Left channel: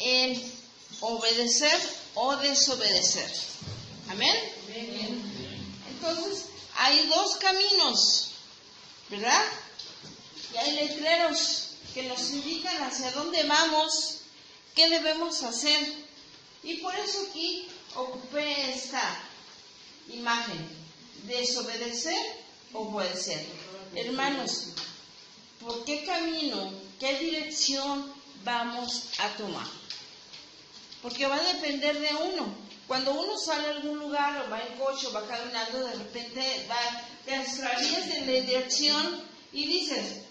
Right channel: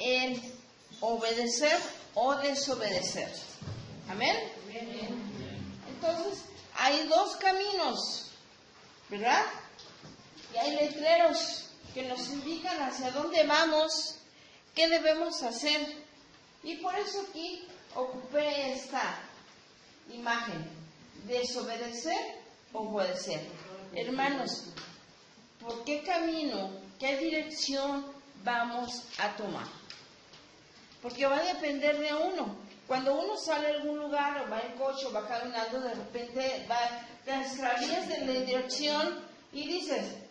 en obedecer o desobedecer. ¿Amén? Entonces, hay dos caminos, ¿verdad? Y hay letreros que nos indican hacia dónde vamos, qué debemos hacer. Y por eso aquí ocupé esta imagen, desobedecer o obedecer. Hermanos, ¿por qué camino, qué dirección vamos a tomar? Porque va a depender de uno. Cuando uno sale a algún lugar o va en coche o va caminando, de repente te extravías de la dirección y dices,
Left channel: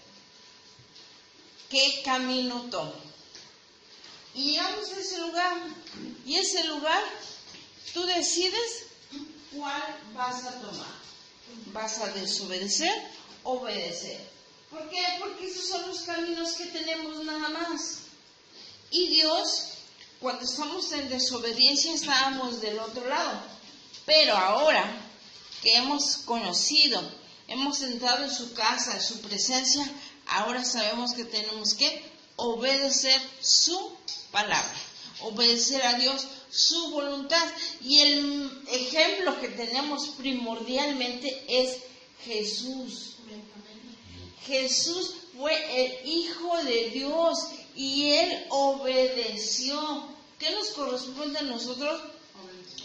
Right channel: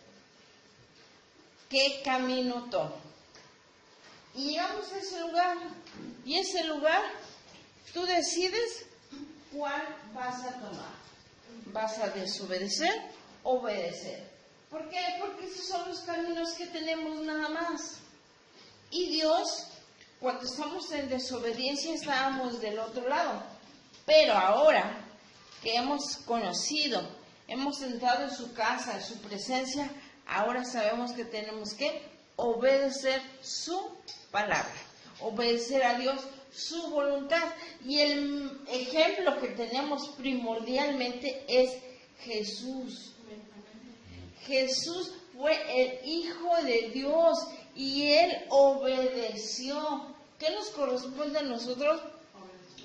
¿qué camino tomo? Y llegamos a ese lugar, y ese lugar tú decides cuál vas a tomar. ¿Vas a desobedecer o obedecer? ¿Por qué? Porque esos son los caminos que tenemos nada más. Y Dios, cuando estamos en desobediencia, estábamos del otro lado. Pero ahora que hemos conocido, hemos entrado en su casa, en su presencia, ahora sabemos que tenemos que obedecer su palabra, obedecer a Dios, su voluntad. Y el ejemplo que tenemos primordialmente es Jesús. Jesús fue el Hijo de Dios y Él obedeció. ¿Qué nos corresponde a nosotros?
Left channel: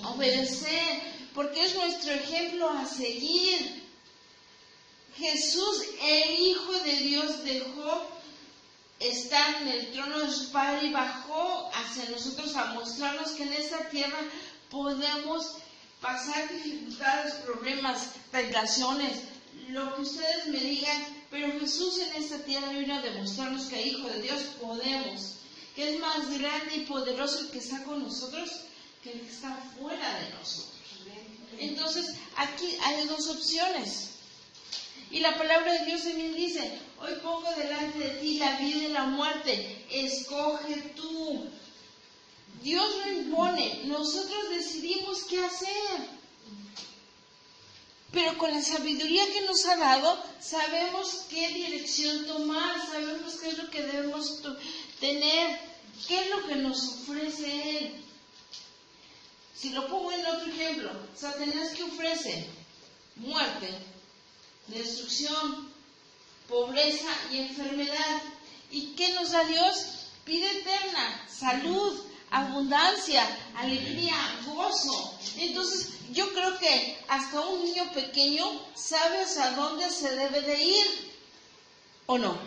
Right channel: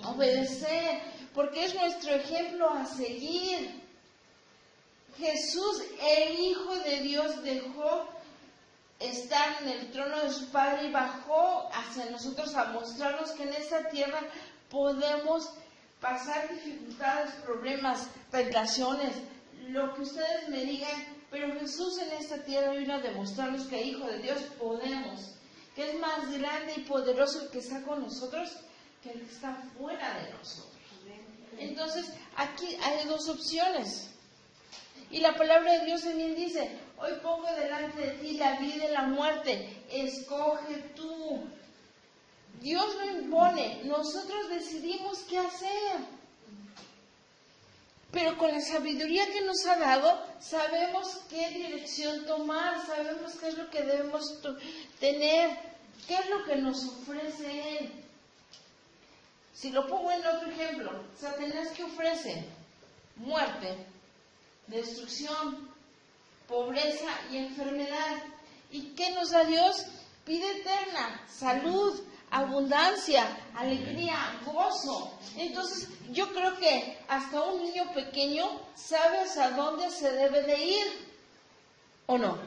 Obedecer, porque es nuestro ejemplo a seguir. Jesús, el Hijo de Dios, dejó estar en el trono de su Padre y bajó hacia nosotros a mostrarnos que en esta tierra podemos pasar dificultades, problemas, tentaciones, lo que ustedes me digan, pero Jesús en esta tierra vino a demostrarnos que Hijo de Dios podemos, que es más grande y poderoso el que está con nosotros que el que está fuera de nosotros. Entonces, aquí hay dos opciones. Y la palabra de Dios también dice, hoy pongo delante de ti la vida y la muerte, escoge tú. Dios lo impone, nosotros decidimos qué hacer. Pero con la sabiduría que nos ha dado, sabemos qué dirección tomar, sabemos qué es lo que debemos tener, qué es lo que nos ofrece Él. Si lo pongo en otro ejemplo, Satanás, ¿qué ofrece? Muerte, destrucción, pobreza y enfermedad. ¿Y qué nos da Dios? Vida eterna, salud, abundancia, alegría, gozo. Entonces, yo creo que hasta un niño pequeño sabe a dónde se debe de ir, ¿o no?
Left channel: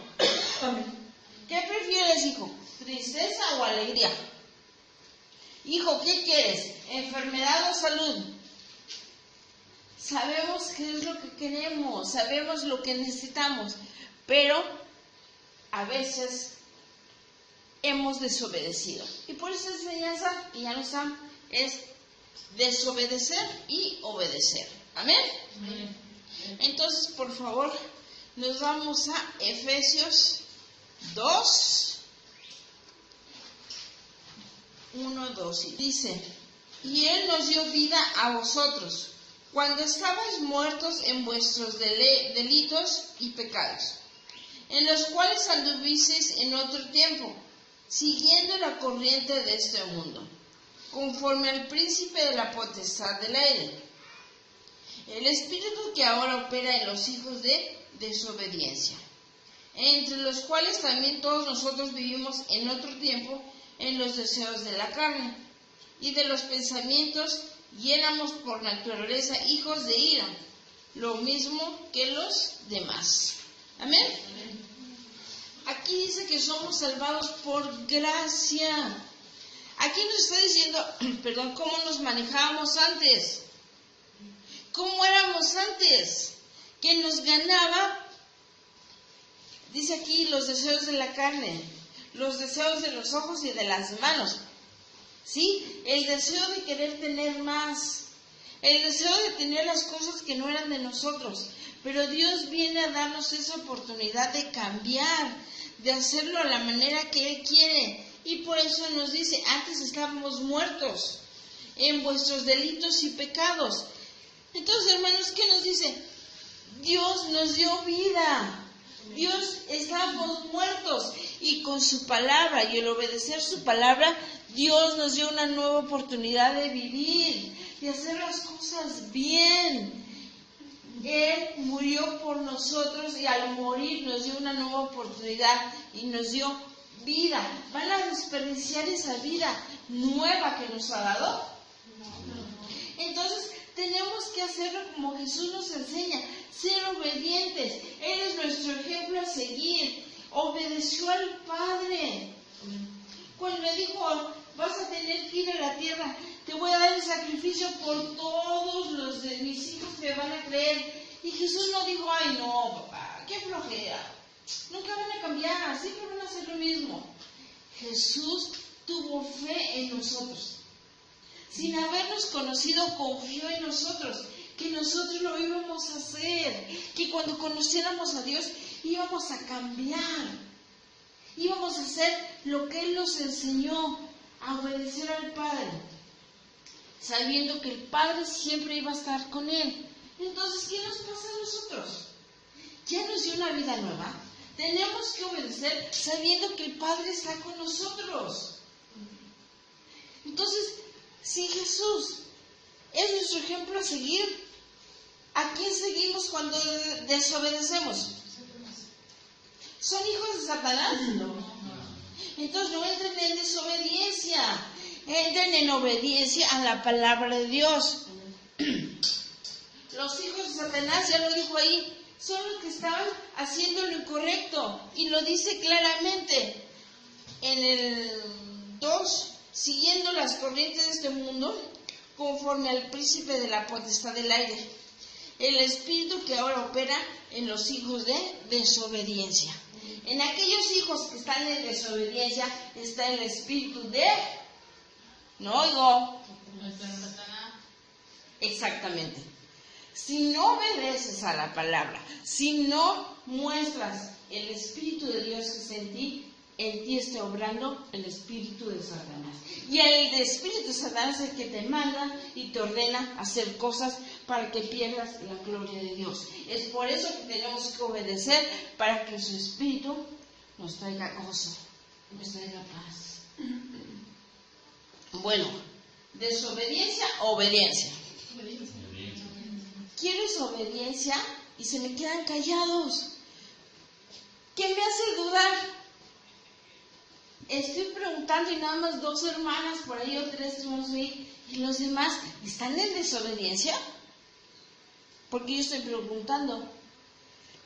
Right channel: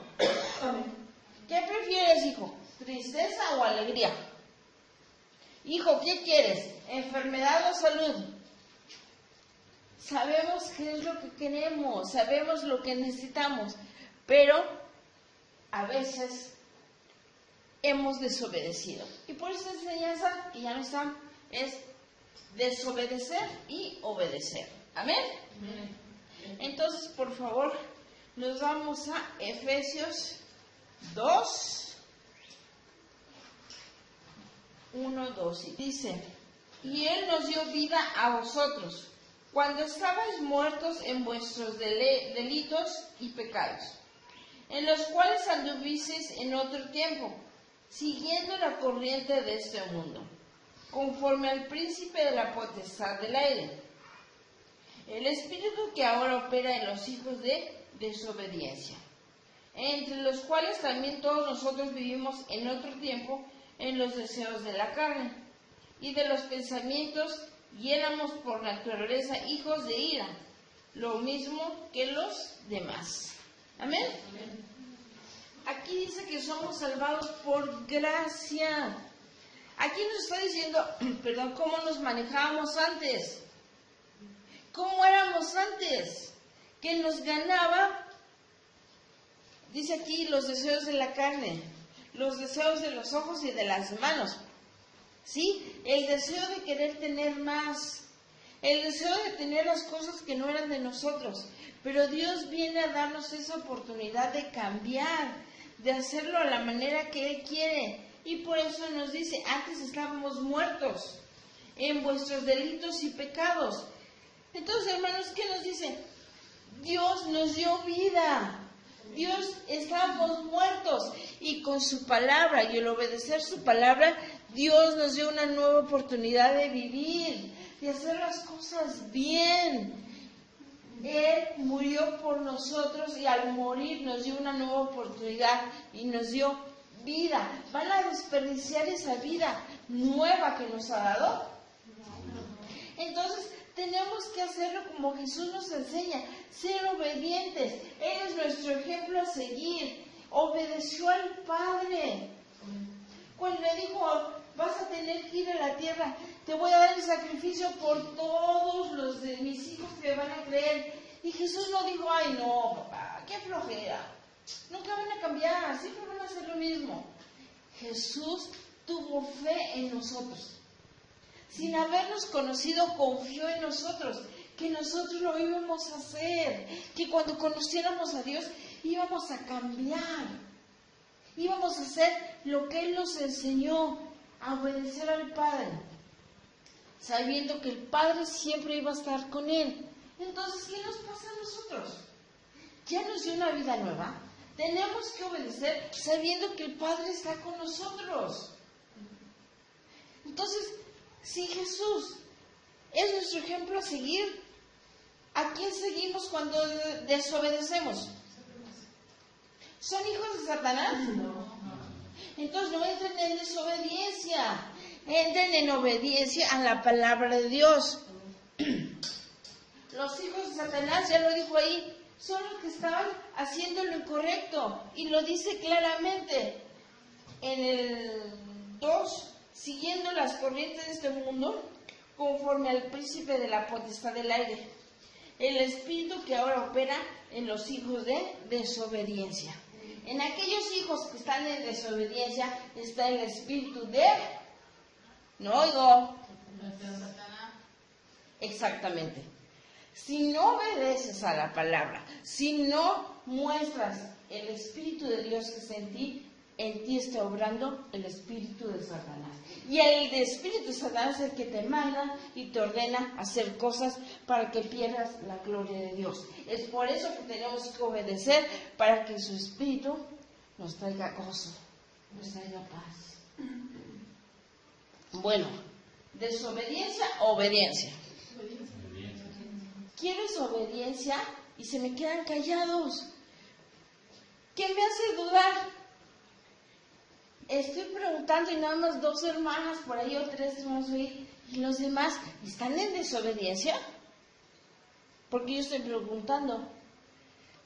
¿Qué prefieres, hijo? ¿Tristeza o alegría? Hijo, ¿qué quieres? ¿Enfermedad o salud? Sabemos qué es lo que queremos, sabemos lo que necesitamos, pero a veces hemos desobedecido. Y por esa enseñanza que ya nos dan es desobedecer y obedecer. ¿Amén? Amén. Entonces, por favor, nos vamos a Efesios 2, 1, 2. Y dice, y Él nos dio vida a vosotros, cuando estabais muertos en vuestros delitos y pecados, en los cuales anduvisteis en otro tiempo, siguiendo la corriente de este mundo, conforme al príncipe de la potestad del aire, el espíritu que ahora opera en los hijos de desobediencia, entre los cuales también todos nosotros vivimos en otro tiempo en los deseos de la carne y de los pensamientos, y éramos por naturaleza hijos de ira, lo mismo que los demás. ¿Amén? Amén. Aquí dice que somos salvados por gracia. Aquí nos está diciendo, cómo nos manejábamos antes. ¿Cómo éramos antes? Que nos ganaba, dice aquí, los deseos de la carne, los deseos de los ojos y de las manos. ¿Sí? El deseo de querer tener más, el deseo de tener las cosas que no eran de nosotros. Pero Dios viene a darnos esa oportunidad de cambiar, de hacerlo a la manera que Él quiere. Y por eso nos dice, antes estábamos muertos en vuestros delitos y pecados. Entonces, hermanos, ¿qué nos dice? Dios nos dio vida. Dios, estábamos muertos y con su palabra y el obedecer su palabra, Dios nos dio una nueva oportunidad de vivir y hacer las cosas bien. Él murió por nosotros y al morir nos dio una nueva oportunidad y nos dio vida. ¿Van a desperdiciar esa vida nueva que nos ha dado? Entonces tenemos que hacerlo como Jesús nos enseña, ser obedientes. Él es nuestro ejemplo a seguir. Obedeció al Padre. Cuando le dijo, vas a tener que ir a la tierra, te voy a dar el sacrificio por todos los de mis hijos que van a creer. Y Jesús no dijo, ay no, papá, qué flojera. Nunca van a cambiar, siempre van a hacer lo mismo. Jesús tuvo fe en nosotros. Sin habernos conocido, confió en nosotros, que nosotros lo íbamos a hacer, que cuando conociéramos a Dios íbamos a cambiar, íbamos a hacer lo que Él nos enseñó, a obedecer al Padre, sabiendo que el Padre siempre iba a estar con Él. Entonces, ¿qué nos pasa a nosotros? Ya nos dio una vida nueva, tenemos que obedecer sabiendo que el Padre está con nosotros. Entonces, si Jesús es nuestro ejemplo a seguir, ¿a quién seguimos cuando desobedecemos? ¿Son hijos de Satanás? No. Entonces no entren en desobediencia, entren en obediencia a la palabra de Dios. Los hijos de Satanás, ya lo dijo ahí, son los que estaban haciendo lo incorrecto. Y lo dice claramente en el 2. Siguiendo las corrientes de este mundo, conforme al príncipe de la potestad del aire, el espíritu que ahora opera en los hijos de desobediencia. En aquellos hijos que están en desobediencia está el espíritu de... No oigo. Exactamente. Si no obedeces a la palabra, si no muestras el espíritu de Dios que es en ti está obrando el espíritu de Satanás. Y el espíritu de Satanás es el que te manda y te ordena hacer cosas para que pierdas la gloria de Dios. Es por eso que tenemos que obedecer, para que su espíritu nos traiga gozo, nos traiga paz. Bueno, desobediencia, obediencia. ¿Quieres obediencia? Y se me quedan callados. ¿Qué me hace dudar? Estoy preguntando y nada más 2 hermanas por ahí o 3 hermanos ahí, y los demás están en desobediencia. Porque yo estoy preguntando,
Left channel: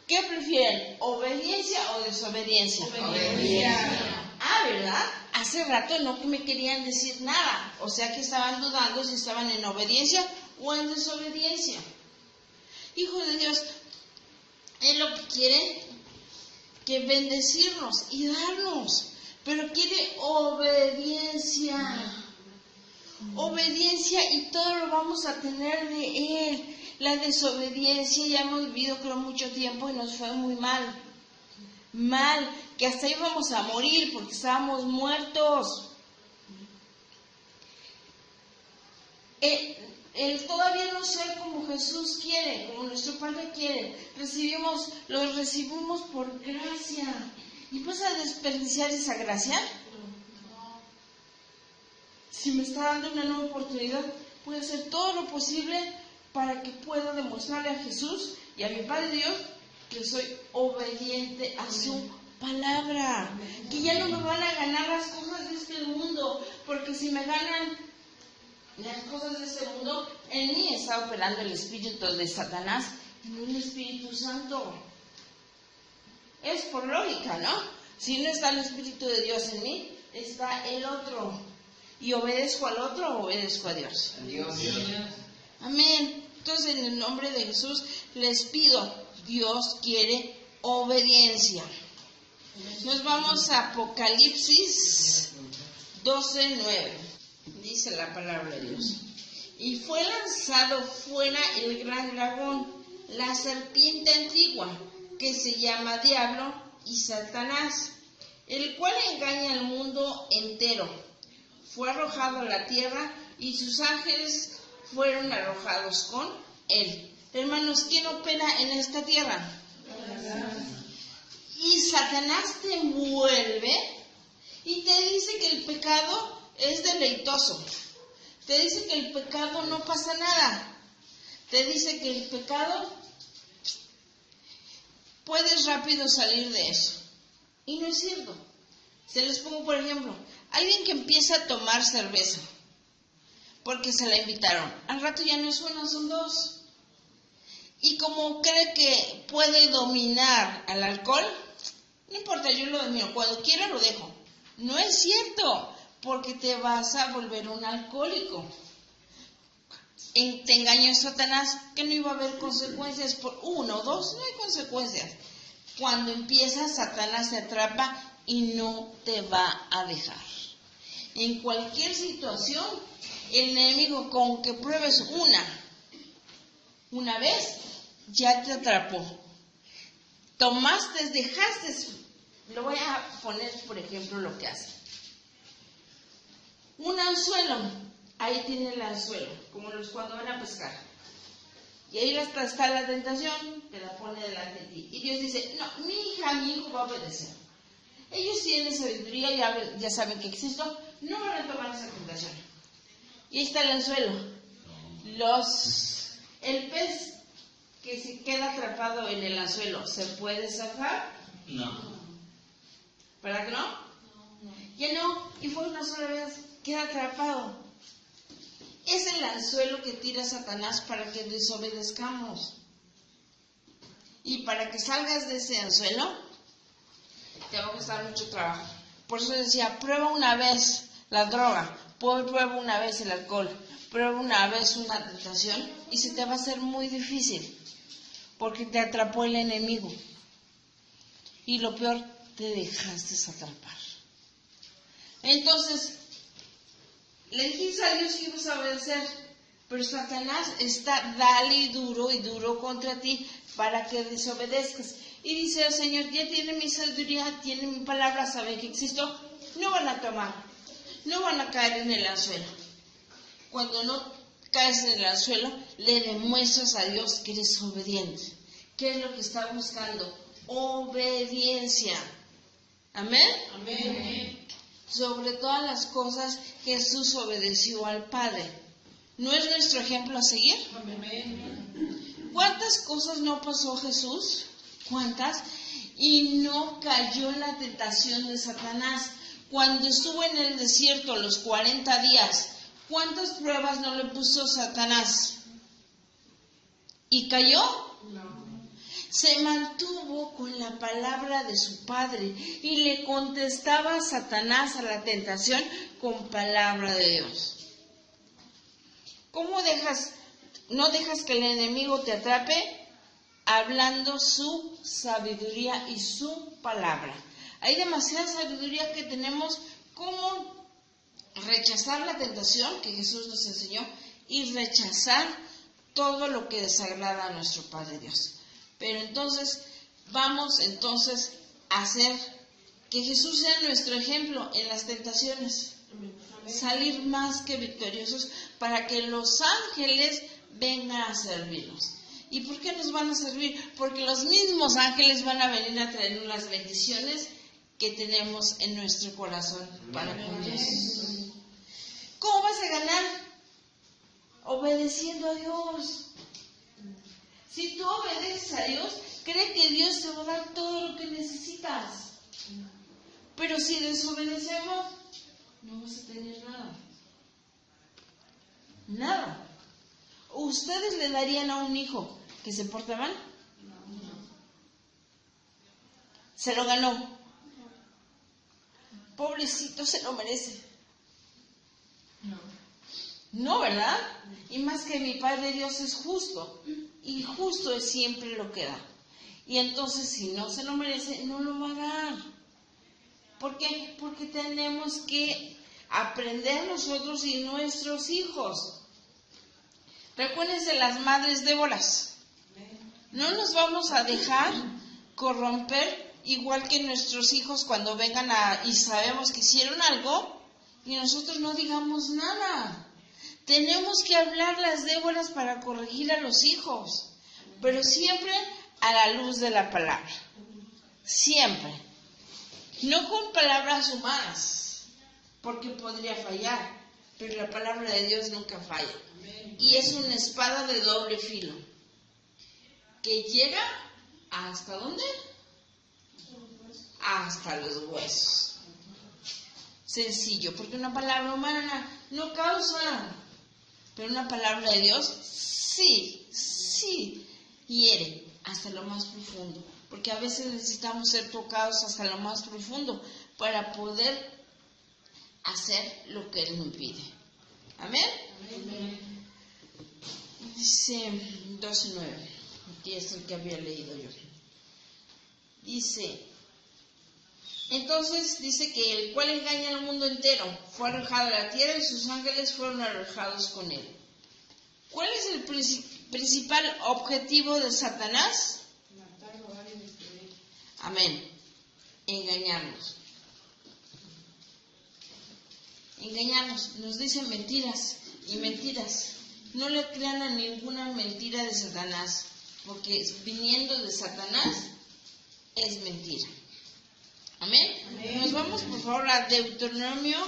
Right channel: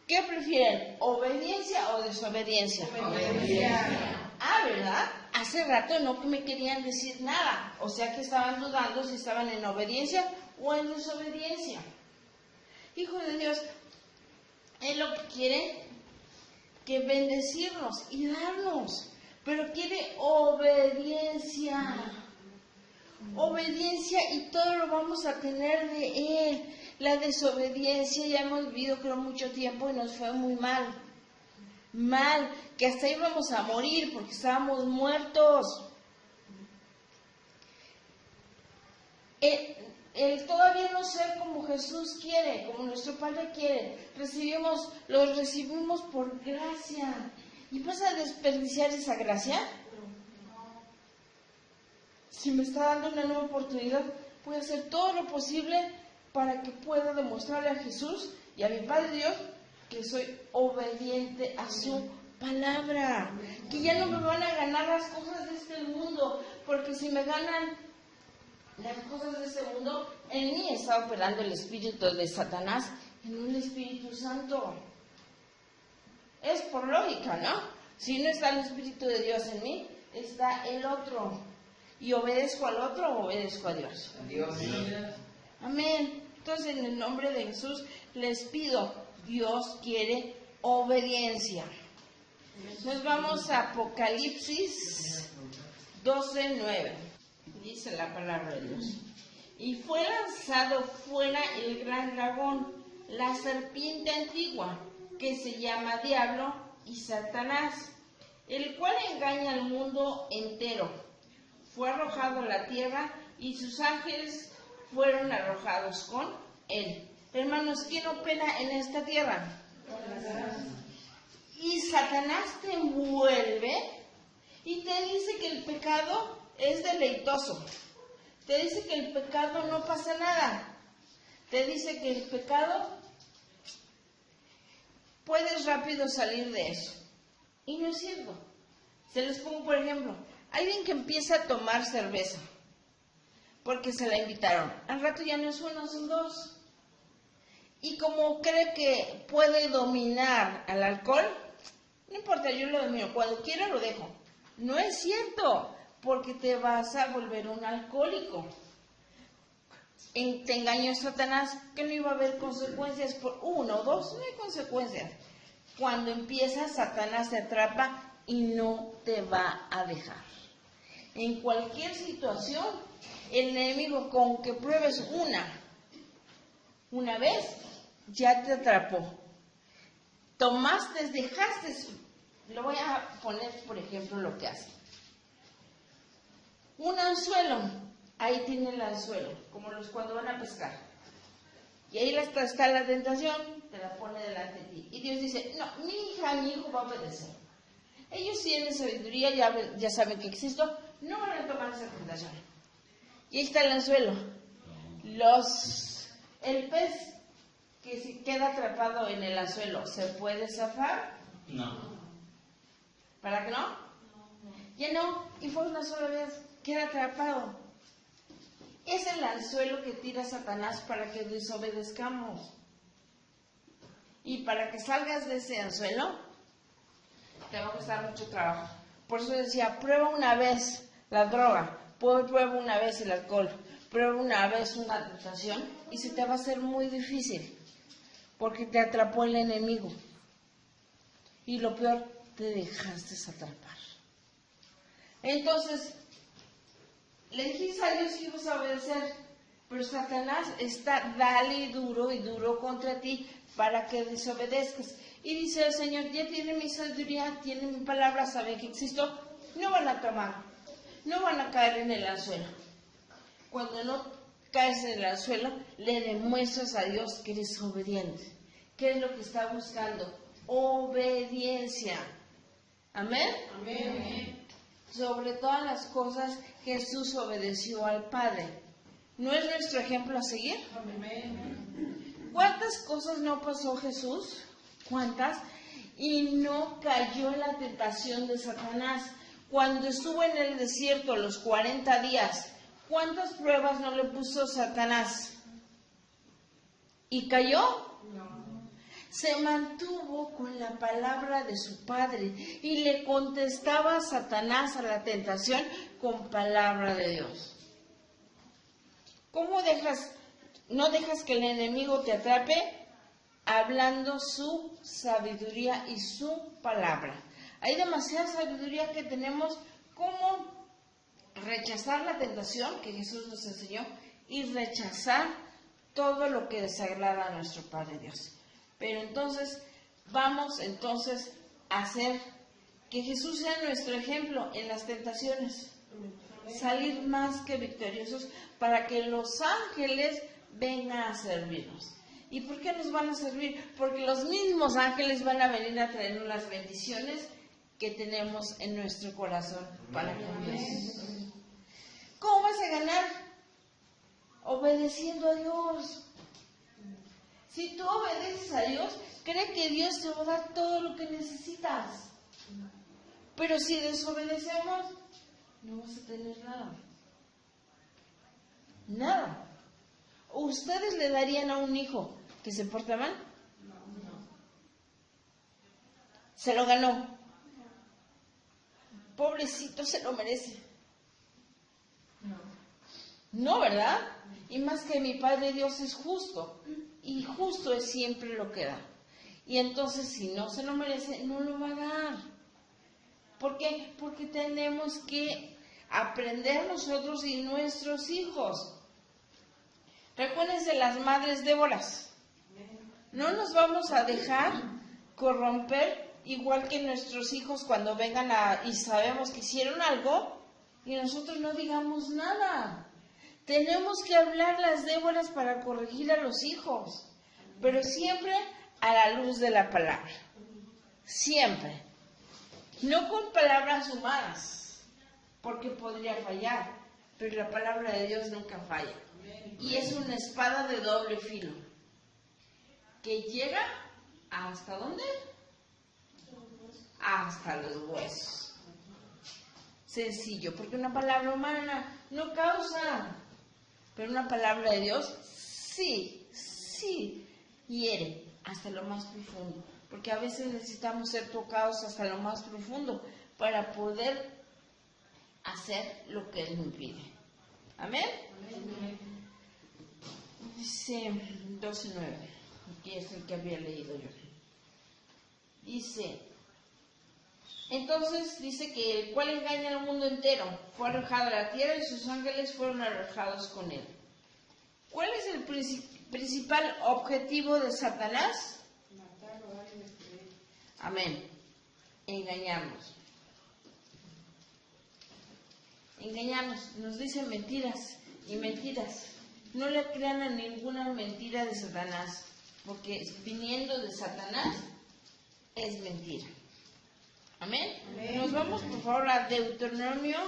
¿qué prefieren? ¿Obediencia o desobediencia? Obediencia. Ah, ¿verdad? Hace rato no me querían decir nada, o sea que estaban dudando si estaban en obediencia o en desobediencia. Hijo de Dios, Él lo que quiere que bendecirnos y darnos. Pero quiere obediencia. Obediencia y todo lo vamos a tener de Él. La desobediencia ya hemos vivido creo mucho tiempo y nos fue muy mal. Mal, que hasta íbamos a morir porque estábamos muertos. El todavía no ser como Jesús quiere, como nuestro Padre quiere. Lo recibimos por gracia. ¿Y vas a desperdiciar esa gracia? Si me está dando una nueva oportunidad, voy a hacer todo lo posible para que pueda demostrarle a Jesús y a mi Padre Dios que soy obediente a su palabra. Que ya no me van a ganar las cosas de este mundo, porque si me ganan las cosas de este mundo, en mí está operando el espíritu de Satanás, en un Espíritu Santo. Es por lógica, ¿no? Si no está el Espíritu de Dios en mí, está el otro. ¿Y obedezco al otro o obedezco a Dios? Dios. Amén. Entonces, en el nombre de Jesús, les pido, Dios quiere obediencia. Nos vamos a Apocalipsis 12:9. Dice la palabra de Dios. Y fue lanzado fuera el gran dragón, la serpiente antigua, que se llama Diablo y Satanás, el cual engaña al mundo entero. Fue arrojado a la tierra y sus ángeles fueron arrojados con él. Hermanos, ¿quién opera en esta tierra? Y Satanás te envuelve y te dice que el pecado es deleitoso. Te dice que el pecado no pasa nada. Te dice que el pecado puedes rápido salir de eso. Y no es cierto. Se les pongo por ejemplo, alguien que empieza a tomar cerveza porque se la invitaron. Al rato ya no es una, son dos. Y como cree que puede dominar al alcohol, no importa, yo lo domino. Cuando quiera lo dejo. No es cierto, porque te vas a volver un alcohólico. Te engañó Satanás que no iba a haber consecuencias por 1 o 2, no hay consecuencias. Cuando empiezas, Satanás te atrapa y no te va a dejar. En cualquier situación, el enemigo, con que pruebes una vez, ya te atrapó. Tomaste, dejaste. Lo voy a poner, por ejemplo, lo que hace. Un anzuelo, ahí tiene el anzuelo, como los cuando van a pescar. Y ahí está la tentación, te la pone delante de ti. Y Dios dice, no, mi hija, mi hijo va a obedecer. Ellos tienen sabiduría, ya saben que existo, no van a tomar esa tentación. Y ahí está el anzuelo. El pez que se queda atrapado en el anzuelo, ¿se puede zafar? No. ¿Para qué no? Ya no, y fue una sola vez, queda atrapado. Es el anzuelo que tira Satanás para que desobedezcamos. Y para que salgas de ese anzuelo, te va a costar mucho trabajo. Por eso decía, prueba una vez la droga, prueba una vez el alcohol, prueba una vez una tentación, y se te va a hacer muy difícil, porque te atrapó el enemigo. Y lo peor, te dejaste atrapar. Entonces, le dijiste a Dios que ibas a obedecer, pero Satanás está dale y duro contra ti para que desobedezcas. Y dice el Señor, ya tiene mi sabiduría, tiene mi palabra, saben que existo, no van a tomar, no van a caer en el anzuelo. Cuando no caes en el anzuelo, le demuestras a Dios que eres obediente. ¿Qué es lo que está buscando? Obediencia. ¿Amén? Amén. Sobre todas las cosas, Jesús obedeció al Padre. ¿No es nuestro ejemplo a seguir? Amén. ¿Cuántas cosas no pasó Jesús? ¿Cuántas? Y no cayó en la tentación de Satanás. Cuando estuvo en el desierto los 40 días, ¿cuántas pruebas no le puso Satanás? ¿Y cayó? No. Se mantuvo con la palabra de su Padre y le contestaba a Satanás a la tentación con palabra de Dios. ¿Cómo no dejas que el enemigo te atrape? Hablando su sabiduría y su palabra. Hay demasiada sabiduría que tenemos como rechazar la tentación que Jesús nos enseñó y rechazar todo lo que desagrada a nuestro Padre Dios. Pero entonces, vamos a hacer que Jesús sea nuestro ejemplo en las tentaciones. Salir más que victoriosos para que los ángeles vengan a servirnos. ¿Y por qué nos van a servir? Porque los mismos ángeles van a venir a traernos las bendiciones que tenemos en nuestro corazón para con Dios. ¿Cómo vas a ganar? Obedeciendo a Dios. Si tú obedeces a Dios, cree que Dios te va a dar todo lo que necesitas. Pero si desobedecemos, no vamos a tener nada. Nada. ¿Ustedes le darían a un hijo que se porta mal? No. Se lo ganó. Pobrecito, se lo merece. No, ¿verdad? Y más que mi Padre Dios es justo. Y justo es siempre lo que da. Y entonces, si no se lo merece, no lo va a dar. ¿Por qué? Porque tenemos que aprender nosotros y nuestros hijos. Recuérdense las madres Déboras. No nos vamos a dejar corromper igual que nuestros hijos cuando vengan y sabemos que hicieron algo y nosotros no digamos nada. Tenemos que hablar las Déboras para corregir a los hijos, pero siempre a la luz de la palabra. siempre. No con palabras humanas, porque podría fallar, pero la palabra de Dios nunca falla. Y es una espada de doble filo, que llega ¿hasta dónde? Hasta los huesos. Sencillo, porque una palabra humana no causa, pero una palabra de Dios sí hiere hasta lo más profundo, porque a veces necesitamos ser tocados hasta lo más profundo para poder hacer lo que Él nos pide. ¿Amén? Amén. Dice 12:9, que es el que había leído yo. Dice, entonces dice que el cual engaña al mundo entero fue arrojado a la tierra y sus ángeles fueron arrojados con él. ¿Cuál es el principal objetivo de Satanás? Matar, robar y destruir. Amén. Engañarnos. Engañarnos. Nos dicen mentiras y mentiras. No le crean a ninguna mentira de Satanás, porque viniendo de Satanás es mentira. Amén. Amén. Nos vamos por favor a Deuteronomio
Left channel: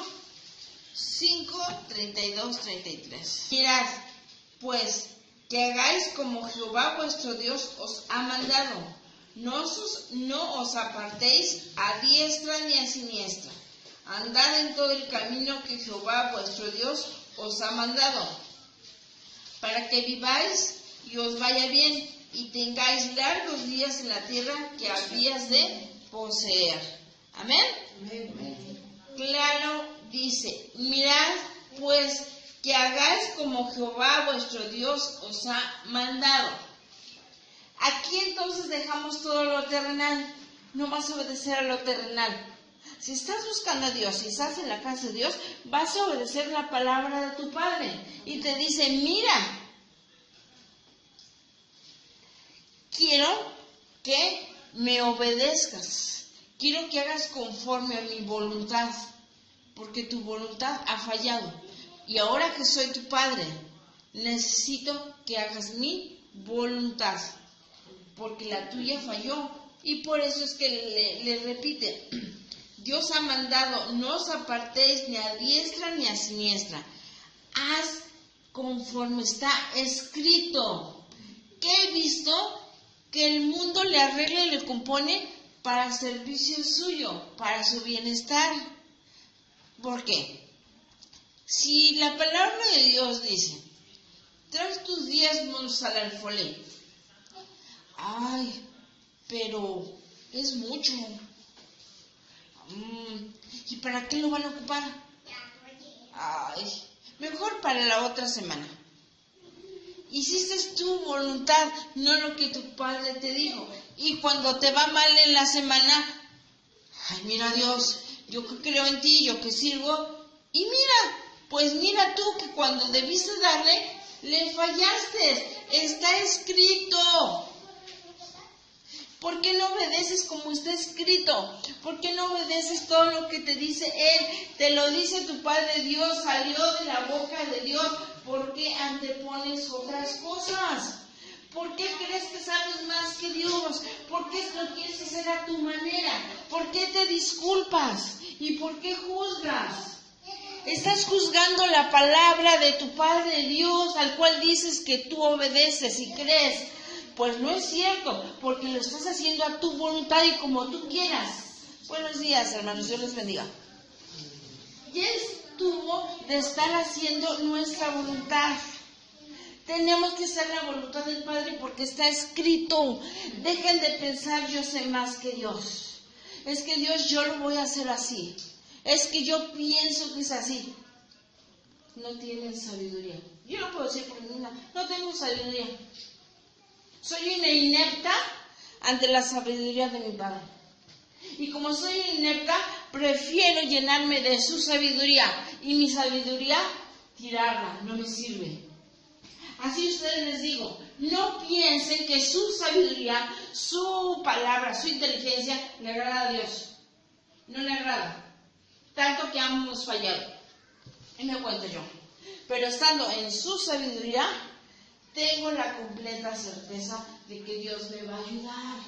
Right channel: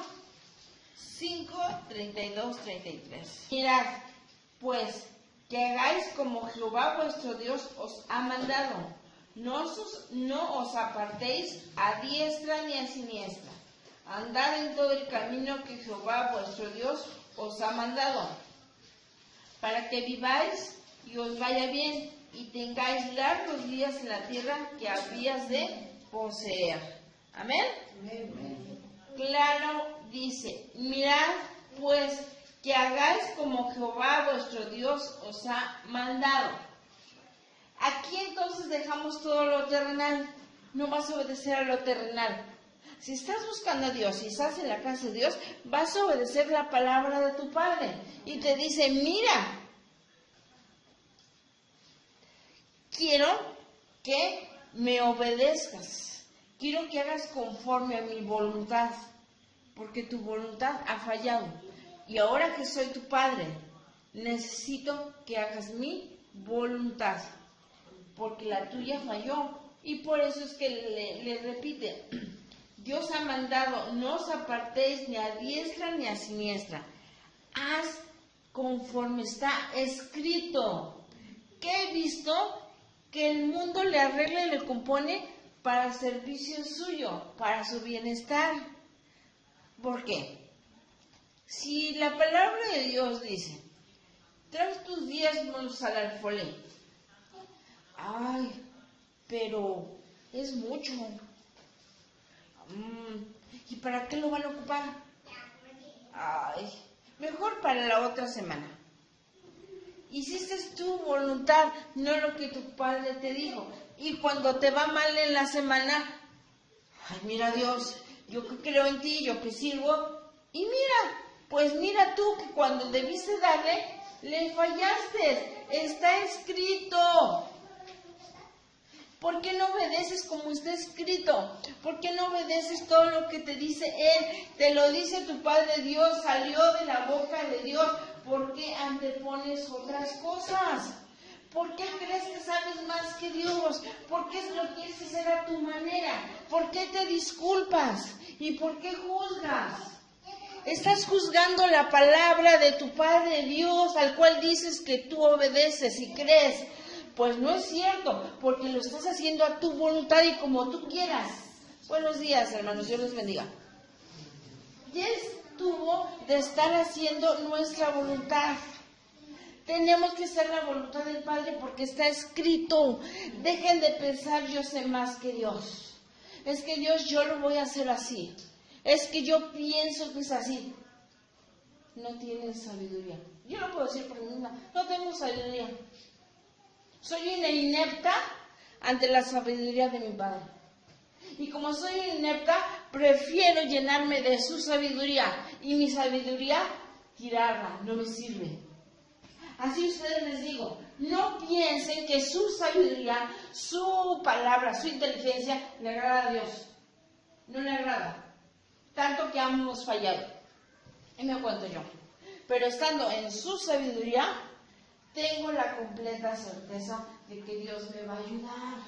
5, 32, 33. Mirad, pues, que hagáis como Jehová vuestro Dios os ha mandado. No os apartéis a diestra ni a siniestra. Andad en todo el camino que Jehová vuestro Dios os ha mandado, para que viváis y os vaya bien, y tengáis largos días en la tierra que habías de poseer. Amén. Amén. Claro, dice, mirad pues que hagáis como Jehová vuestro Dios os ha mandado. Aquí entonces dejamos todo lo terrenal. No vas a obedecer a lo terrenal. Si estás buscando a Dios, si estás en la casa de Dios, vas a obedecer la palabra de tu Padre. Y te dice, mira, quiero que me obedezcas. Quiero que hagas conforme a mi voluntad, porque tu voluntad ha fallado. Y ahora que soy tu Padre, necesito que hagas mi voluntad, porque la tuya falló. Y por eso es que le repite, Dios ha mandado, no os apartéis ni a diestra ni a siniestra. Haz conforme está escrito. Que he visto que el mundo le arregla y le compone para servicio suyo, para su bienestar. ¿Por qué? Si la palabra de Dios dice, trae tus diezmos al alfolí. Ay, pero es mucho. ¿Y para qué lo van a ocupar? Ay, mejor para la otra semana. Hiciste tu voluntad, no lo que tu padre te dijo. Y cuando te va mal en la semana, ay, mira Dios, yo que creo en ti, yo que sirvo. Y mira, pues mira tú que cuando debiste darle, le fallaste. Está escrito. ¿Por qué no obedeces como está escrito? ¿Por qué no obedeces todo lo que te dice Él? Te lo dice tu Padre Dios, salió de la boca de Dios. ¿Por qué antepones otras cosas? ¿Por qué crees que sabes más que Dios? ¿Por qué lo quieres hacer a tu manera? ¿Por qué te disculpas? ¿Y por qué juzgas? Estás juzgando la palabra de tu Padre Dios, al cual dices que tú obedeces y crees. Pues no es cierto, porque lo estás haciendo a tu voluntad y como tú quieras. Buenos días, hermanos, Dios les bendiga. Ya estuvo de estar haciendo nuestra voluntad. Tenemos que hacer la voluntad del Padre porque está escrito. Dejen de pensar, yo sé más que Dios. Es que Dios, yo lo voy a hacer así. Es que yo pienso que es así. No tienen sabiduría. Yo no puedo decir por mi niña, no tengo sabiduría. Soy una inepta ante la sabiduría de mi Padre. Y como soy inepta, prefiero llenarme de su sabiduría. Y mi sabiduría, tirarla, no me sirve. Así ustedes les digo, no piensen que su sabiduría, su palabra, su inteligencia le agrada a Dios. No le agrada. Tanto que hemos fallado. Y me cuento yo. Pero estando en su sabiduría, tengo la completa certeza de que Dios me va a ayudar.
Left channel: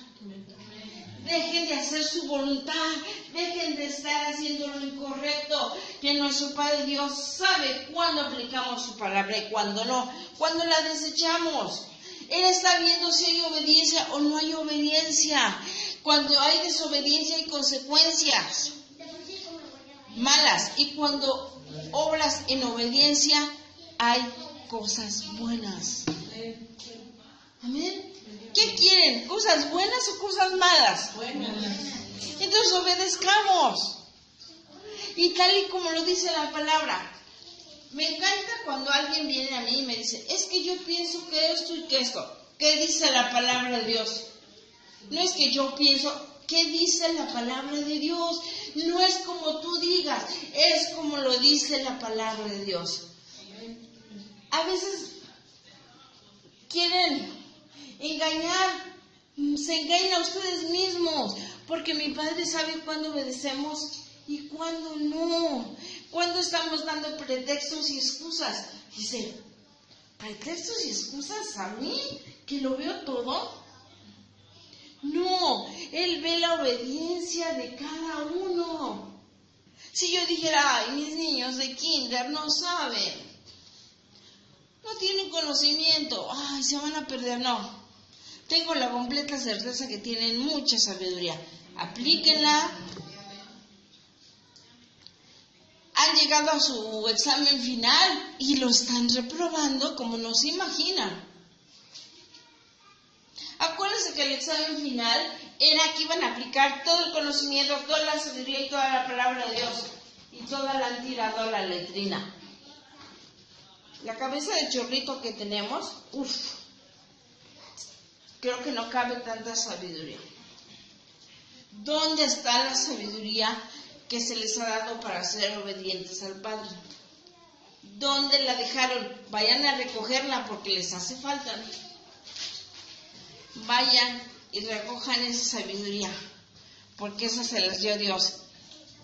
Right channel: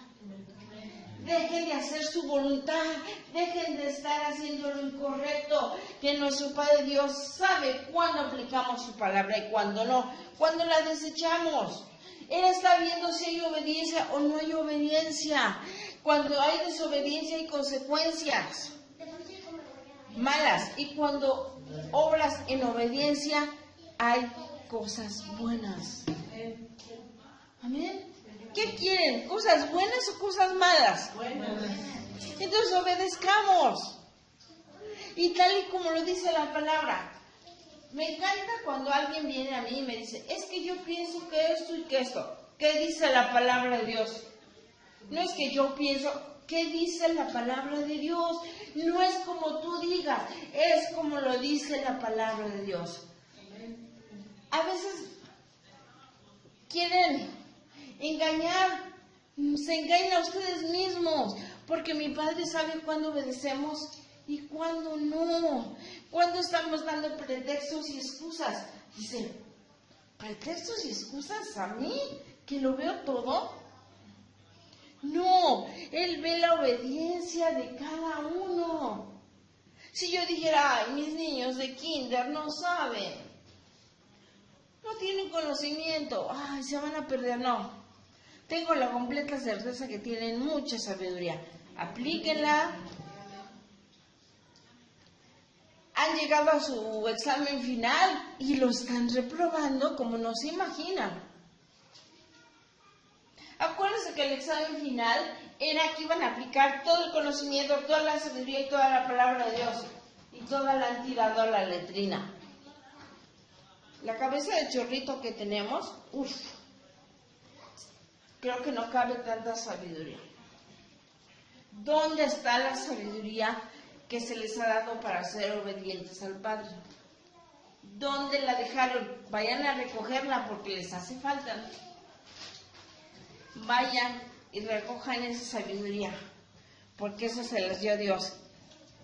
dejen de hacer su voluntad, dejen de estar haciendo lo incorrecto, que nuestro Padre Dios sabe cuándo aplicamos su palabra y cuándo no, cuándo la desechamos. Él está viendo si hay obediencia o no hay obediencia. Cuando hay desobediencia hay consecuencias malas, y cuando obras en obediencia hay cosas buenas. Amén. ¿Qué quieren? ¿Cosas buenas o cosas malas? Entonces obedezcamos. Y tal y como lo dice la palabra. Me encanta cuando alguien viene a mí y me dice, es que yo pienso que esto y que esto. ¿Qué dice la palabra de Dios? No es que yo pienso, ¿qué dice la palabra de Dios? No es como tú digas, es como lo dice la palabra de Dios. A veces quieren engañar, se engañan a ustedes mismos, porque mi Padre sabe cuándo obedecemos y cuándo no, cuándo estamos dando pretextos y excusas. Dice, ¿pretextos y excusas a mí? ¿Que lo veo todo? No, Él ve la obediencia de cada uno. Si yo dijera, ay, mis niños de kinder no saben, no tienen conocimiento, ay, se van a perder, no. Tengo la completa certeza que tienen mucha sabiduría. Aplíquenla. Han llegado a su examen final y lo están reprobando como no se imaginan. Acuérdense que el examen final era que iban a aplicar todo el conocimiento, toda la sabiduría y toda la palabra de Dios. Y toda la han tirado a la letrina. La cabeza de chorrito que tenemos, creo que no cabe tanta sabiduría. ¿Dónde está la sabiduría que se les ha dado para ser obedientes al Padre? ¿Dónde la dejaron? Vayan a recogerla porque les hace falta. Vayan y recojan esa sabiduría, porque esa se las dio Dios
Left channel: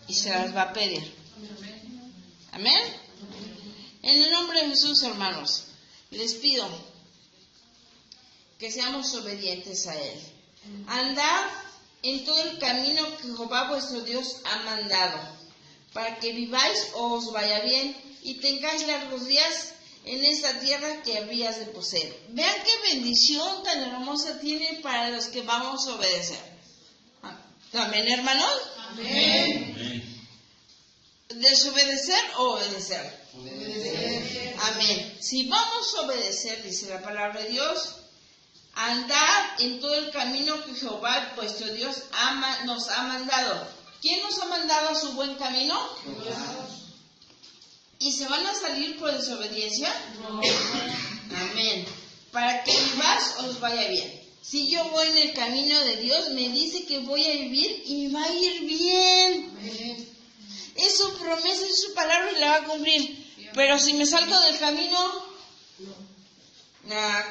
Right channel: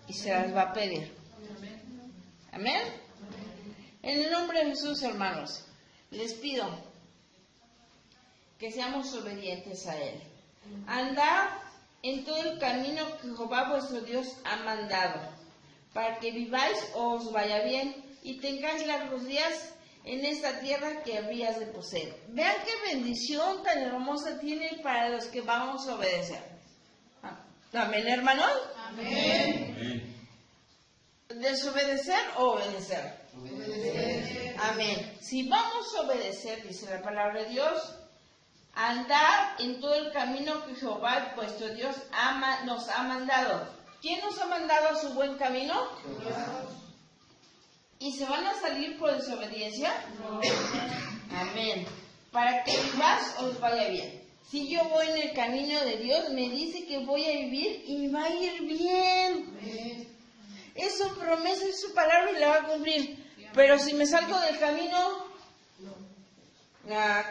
y se las va a pedir. Amén. En el nombre de Jesús, hermanos, les pido que seamos obedientes a Él. Andad en todo el camino que Jehová vuestro Dios ha mandado, para que viváis o os vaya bien y tengáis largos días en esta tierra que habías de poseer. Vean qué bendición tan hermosa tiene para los que vamos a obedecer. Amén, hermanos. Amén. ¿Desobedecer o obedecer? Obedecer. Amén. Si vamos a obedecer, dice la palabra de Dios, andad en todo el camino que Jehová vuestro Dios nos ha mandado. ¿Quién nos ha mandado a su buen camino? Dios. ¿Y se van a salir por desobediencia? No. Amén. Para que vivas os vaya bien. Si yo voy en el camino de Dios, me dice que voy a vivir y me va a ir bien. Amén. Es su promesa, es su palabra y la va a cumplir. Pero si me salgo del camino,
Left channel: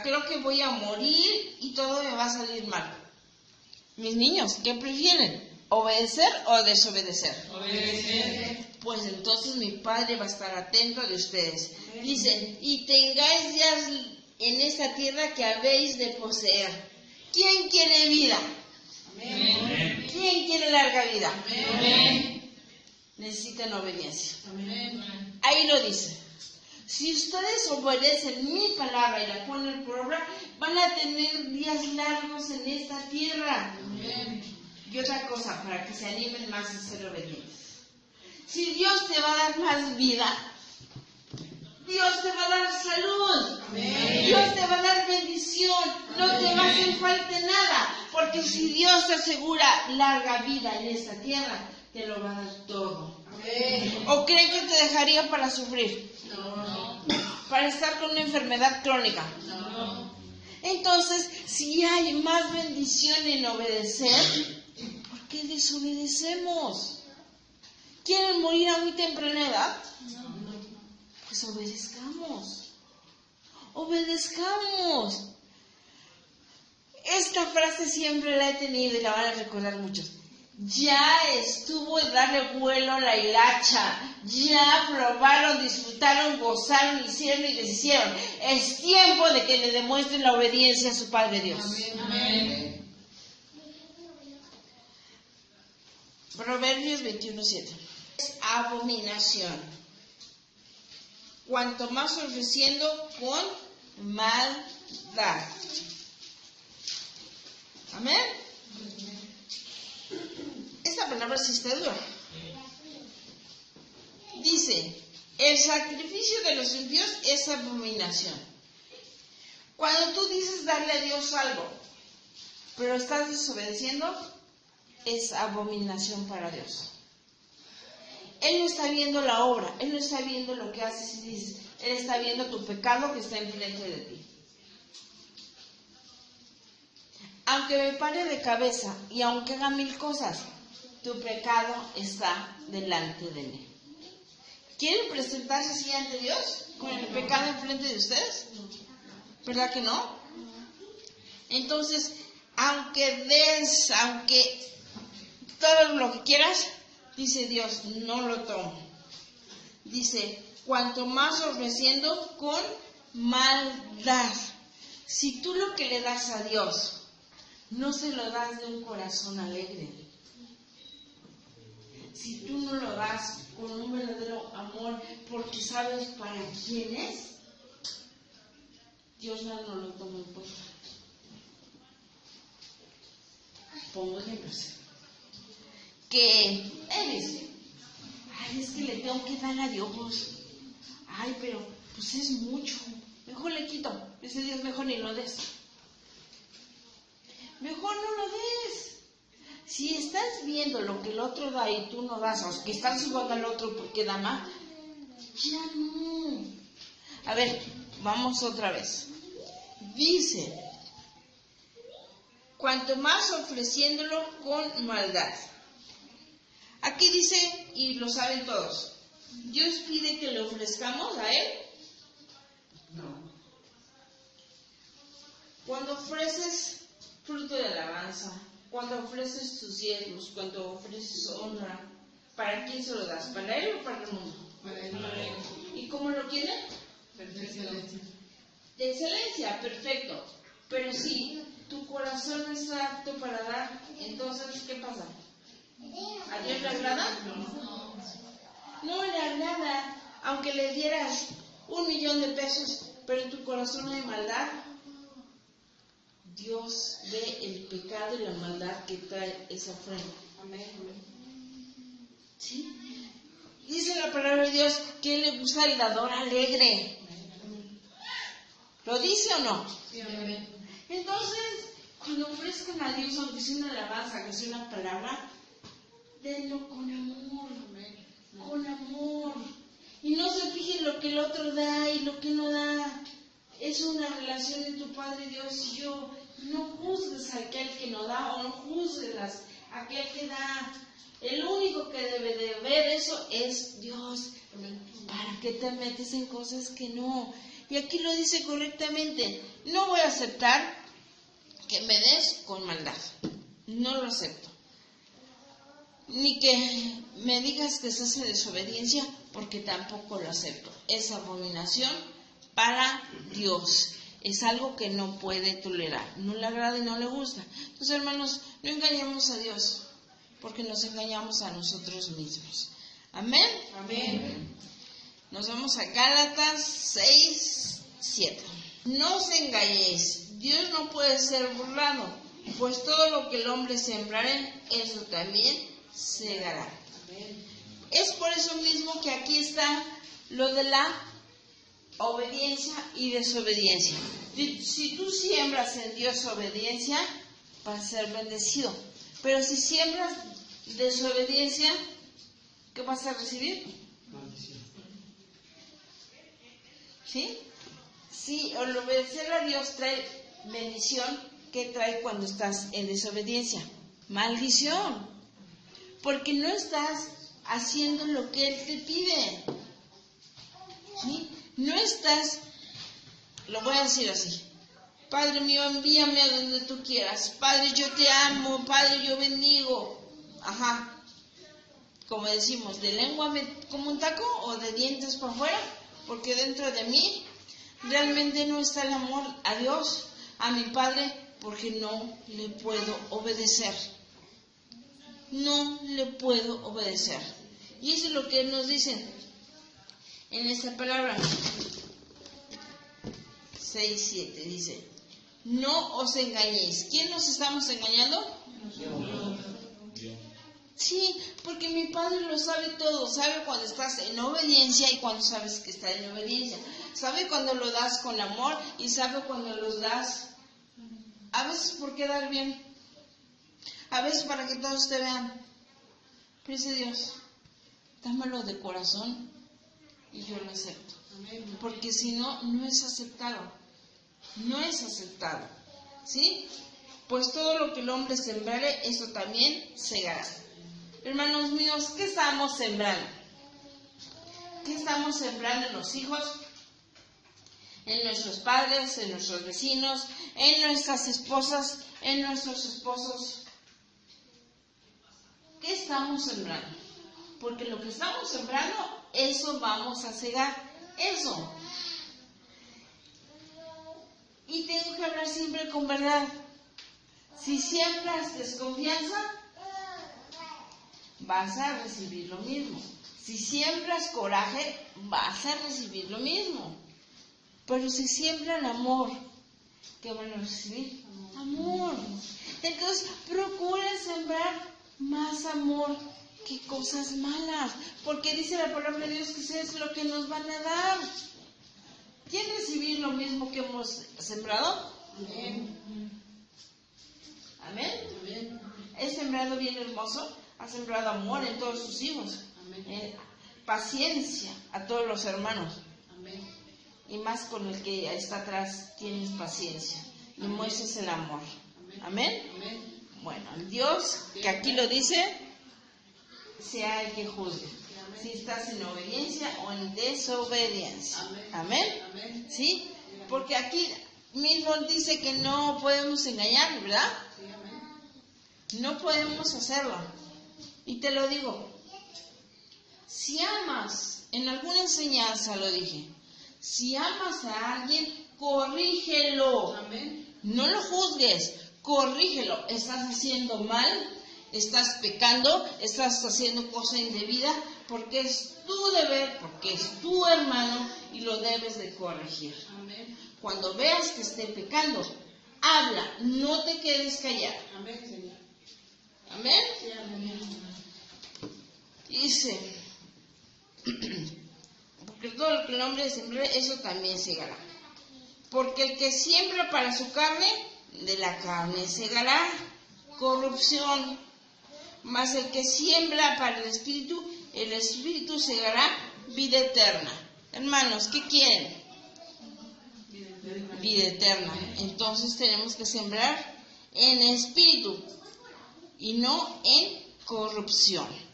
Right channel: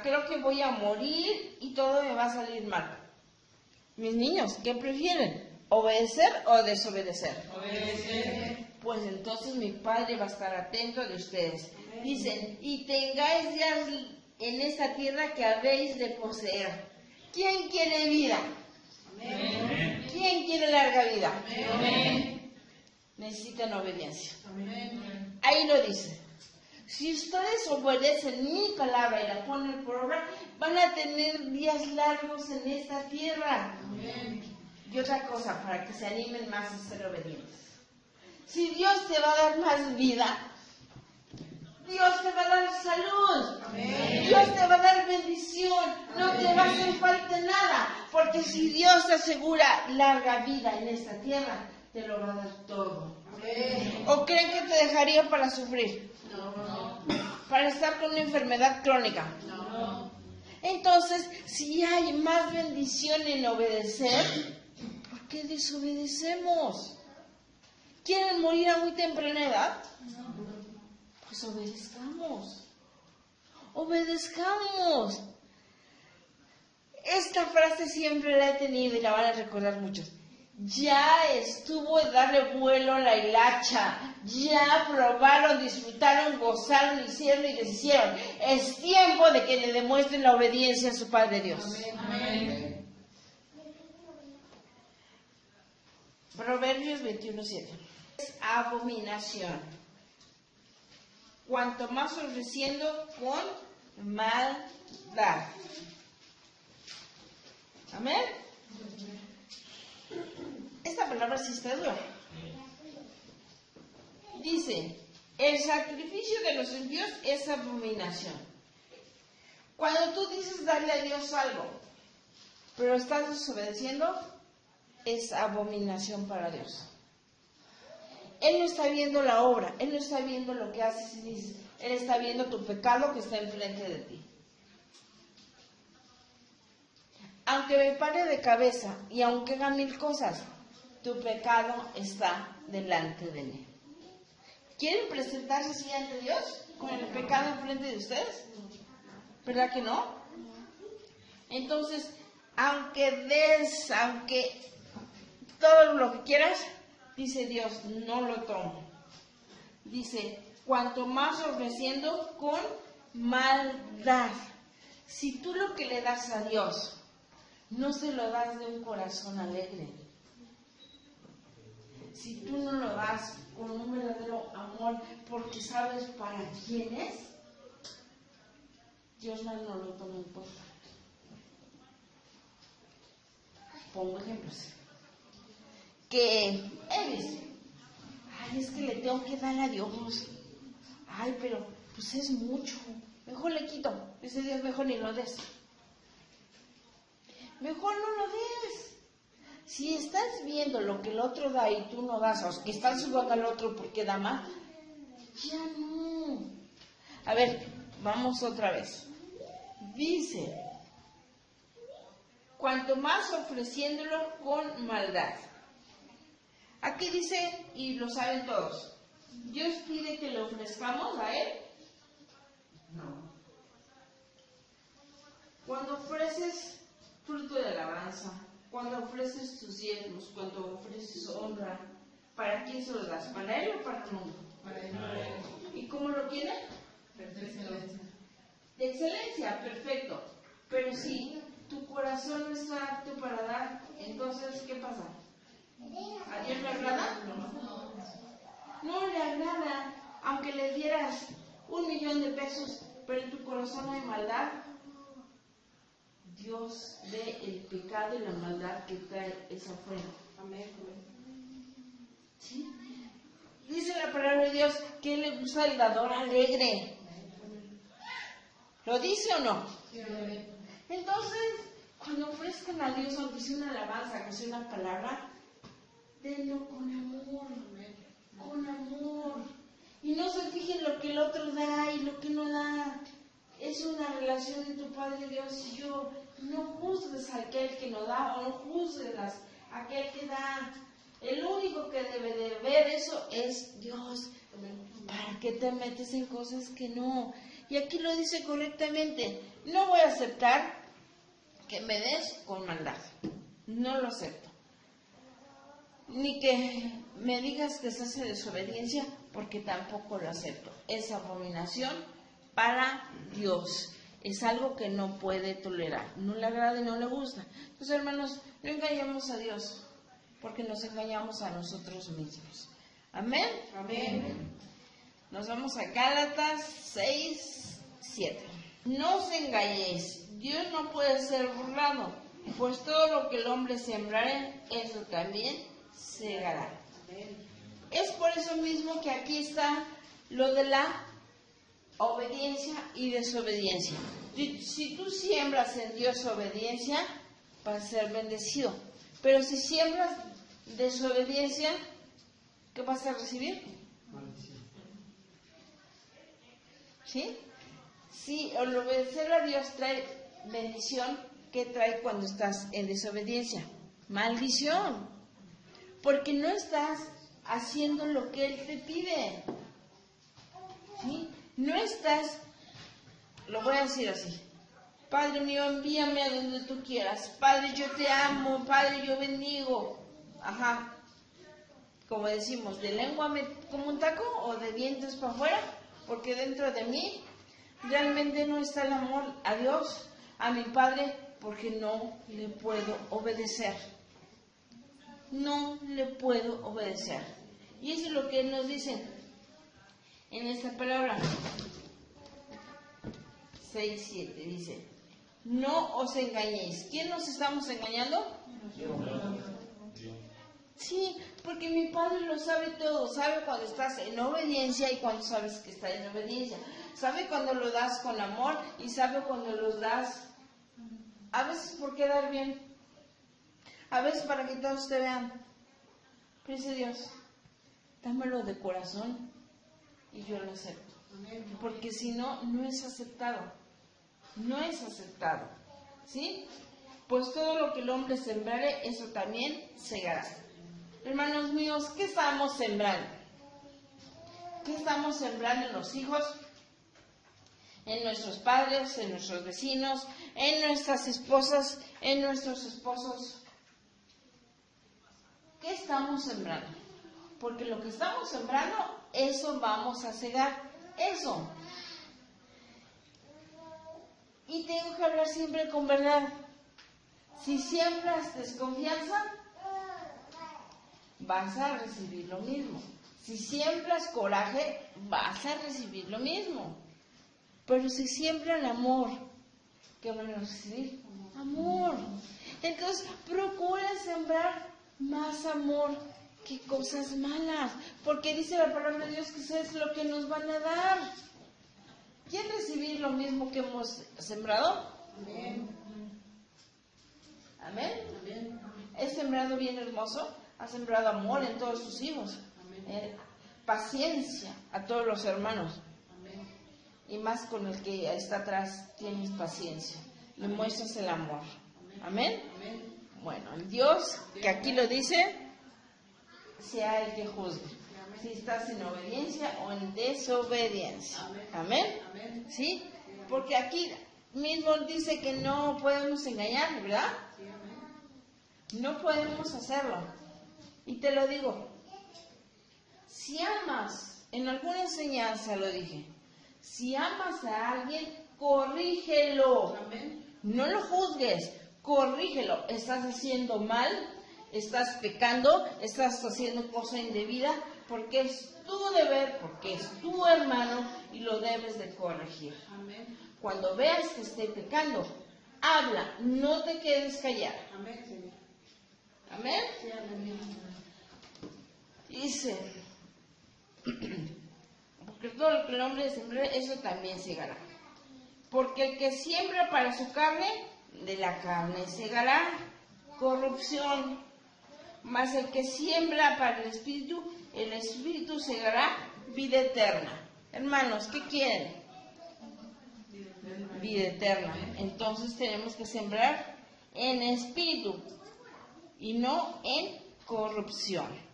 creo que voy a morir y todo me va a salir mal. Mis niños, ¿qué prefieren? ¿Obedecer o desobedecer? Obedecer. Pues entonces mi Padre va a estar atento de ustedes. Dice, y tengáis días en esta tierra que habéis de poseer. ¿Quién quiere vida? Amén. ¿Quién quiere larga vida? Amén. Necesitan obediencia. Amén. Ahí lo dice. Si ustedes obedecen mi palabra y la ponen por obra, van a tener días largos en esta tierra. Amén. Y otra cosa, para que se animen más a ser obedientes. Si Dios te va a dar más vida, Dios te va a dar salud, Amén. Dios te va a dar bendición, no te va a hacer falta nada, porque si Dios te asegura larga vida en esta tierra, te lo va a dar todo. Amén. ¿O creen que te dejaría para sufrir? No. Para estar con una enfermedad crónica. No. Entonces, si hay más bendición en obedecer, ¿por qué desobedecemos? ¿Quieren morir a muy temprana edad? Pues obedezcamos. Obedezcamos. Esta frase siempre la he tenido y la van a recordar muchos. Ya estuvo de darle vuelo la hilacha. Ya probaron, disfrutaron, gozaron, hicieron y deshicieron. Es tiempo de que le demuestren la obediencia a su Padre Dios. Amén. Proverbios 21:7. Es abominación. Cuanto más ofreciendo con maldad. Amén. Esta palabra sí está dura. Dice, el sacrificio de los impíos es abominación. Cuando tú dices darle a Dios algo, pero estás desobedeciendo, es abominación para Dios. Él no está viendo la obra, Él no está viendo lo que haces y dices, Él está viendo tu pecado que está enfrente de ti. Aunque me pare de cabeza y aunque haga 1000 cosas, tu pecado está delante de mí. ¿Quieren presentarse así ante Dios con el pecado enfrente de ustedes? ¿Verdad que no? Entonces, aunque todo lo que quieras, dice Dios, no lo tomo. Dice, cuanto más ofreciendo con maldad. Si tú lo que le das a Dios, no se lo das de un corazón alegre. Si tú no lo das con un verdadero amor, porque sabes para quién es, Dios no lo toma en cuenta. Pongo ejemplos. Que él dice, ay, es que le tengo que dar a Dios. Ay, pero pues es mucho. Mejor le quito. Ese Dios mejor ni lo des. Mejor no lo des. Si estás viendo lo que el otro da y tú no das, o que estás jugando al otro porque da más, ya no. A ver, vamos otra vez. Dice, cuanto más ofreciéndolo con maldad. Aquí dice, y lo saben todos, Dios pide que le ofrezcamos a Él. No. Cuando ofreces fruto de alabanza, cuando ofreces tus diezmos, cuando ofreces honra, ¿para quién se lo das? ¿Para Él o para el mundo? Para Él. ¿Y cómo lo quiere? De excelencia. De excelencia, perfecto. Pero si tu corazón no está apto para dar, entonces, ¿qué pasa? ¿A Dios le agrada? No le agrada, aunque le dieras 1,000,000 de pesos, pero en tu corazón hay maldad. Dios ve el pecado y la maldad que trae esa ofrenda. Amén. ¿Sí? Dice la palabra de Dios que le gusta el dador alegre. ¿Lo dice o no? Sí, amén. Entonces, cuando ofrezcan a Dios, aunque sea una alabanza, que sea una palabra, denlo con amor. Con amor. Y no se fijen lo que el otro da y lo que no da. Es una relación de tu Padre Dios y yo. No juzgues a aquel que no da o no juzgues a aquel que da. El único que debe de ver eso es Dios. ¿Para qué te metes en cosas que no? Y aquí lo dice correctamente. No voy a aceptar que me des con maldad. No lo acepto. Ni que me digas que se hace desobediencia, porque tampoco lo acepto. Es abominación para Dios. Es algo que no puede tolerar. No le agrada y no le gusta. Entonces, hermanos, no engañemos a Dios, porque nos engañamos a nosotros mismos. Amén. Amén. Nos vamos a Gálatas 6:7. No os engañéis, Dios no puede ser burlado, pues todo lo que el hombre sembrare, eso también segará. Es por eso mismo que aquí está lo de la obediencia y desobediencia. Si tú siembras en Dios obediencia, vas a ser bendecido. Pero si siembras desobediencia, ¿qué vas a recibir? Maldición. ¿Sí? Sí, el obedecer a Dios trae bendición. ¿Qué trae cuando estás en desobediencia? Maldición. Porque no estás haciendo lo que Él te pide. ¿Sí? No estás, lo voy a decir así. Padre mío, envíame a donde tú quieras. Padre, yo te amo. Padre, yo bendigo. Ajá. Como decimos, de lengua me como un taco o de dientes para afuera, porque dentro de mí realmente no está el amor a Dios, a mi Padre, porque no le puedo obedecer. no le puedo obedecer. Y eso es lo que nos dicen en esta palabra. 6:7 dice, no os engañéis. ¿Quién nos estamos engañando? Sí, porque mi Padre lo sabe todo. Sabe cuando estás en obediencia y cuando sabes que estás en obediencia. Sabe cuando lo das con amor y sabe cuando lo das a veces por quedar bien, a veces para que todos te vean. Pero dice Dios, dámelo de corazón y yo lo acepto. Porque si no, no es aceptado. No es aceptado. ¿Sí? Pues todo lo que el hombre sembrare, eso también segará. Hermanos míos, ¿qué estamos sembrando? ¿Qué estamos sembrando en los hijos? En nuestros padres, en nuestros vecinos, en nuestras esposas, en nuestros esposos. ¿Qué estamos sembrando? Porque lo que estamos sembrando, eso vamos a cegar. Eso. Y tengo que hablar siempre con verdad. Si siembras desconfianza, vas a recibir lo mismo. Si siembras coraje, vas a recibir lo mismo. Pero si siembran amor, ¿qué van a recibir? Amor. Entonces, procuren sembrar más amor que cosas malas. Porque dice la palabra de Dios que eso es lo que nos van a dar. ¿Quieren recibir lo mismo que hemos sembrado? Amén. Amén. Amén. He sembrado bien hermoso. Ha sembrado amor en todos sus hijos. Paciencia a todos los hermanos. Amén. Y más con el que está atrás, tienes paciencia. Le muestras el amor. Amén. Amén. Bueno, Dios, que aquí lo dice, sea el que juzgue. Si estás en obediencia o en desobediencia. Amén. Amén. ¿Sí? Porque aquí mismo dice que no podemos engañar, ¿verdad? No podemos hacerlo. Y te lo digo, si amas, en alguna enseñanza lo dije, si amas a alguien, corrígelo. Amén. No lo juzgues, corrígelo. Estás haciendo mal, estás pecando, estás haciendo cosa indebida, porque es tu deber, porque es tu hermano y lo debes de corregir. Amén. Cuando veas que esté pecando, habla, no te quedes callado. Amén, Señor. Amén. Sí, amén. Dice, porque todo lo que el hombre sembre, eso también segará. Porque el que siembra para su carne, de la carne segará corrupción. Mas el que siembra para el espíritu segará vida eterna. Hermanos, ¿qué quieren? Vida eterna. Entonces tenemos que sembrar en espíritu y no en corrupción.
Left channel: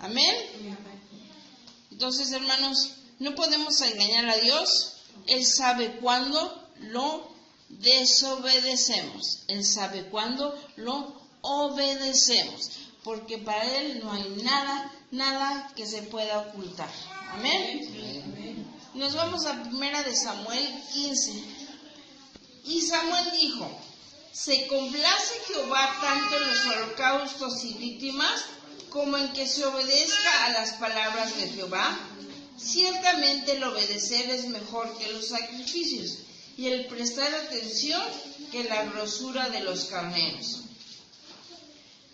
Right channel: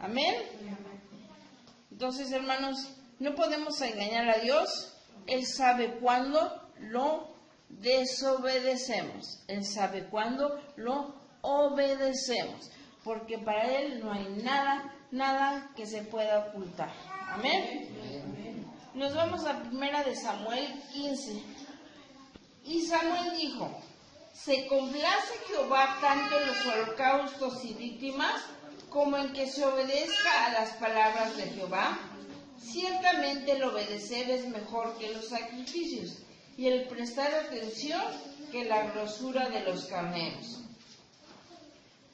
Amén. Entonces, hermanos, no podemos engañar a Dios. Él sabe cuándo lo desobedecemos. Él sabe cuándo lo obedecemos. Porque para Él no hay nada que se pueda ocultar. Amén. Nos vamos a 1 de Samuel 15. Y Samuel dijo, ¿se complace Jehová tanto en los holocaustos y víctimas como en que se obedezca a las palabras de Jehová? Ciertamente el obedecer es mejor que los sacrificios, y el prestar atención que la grosura de los carneros.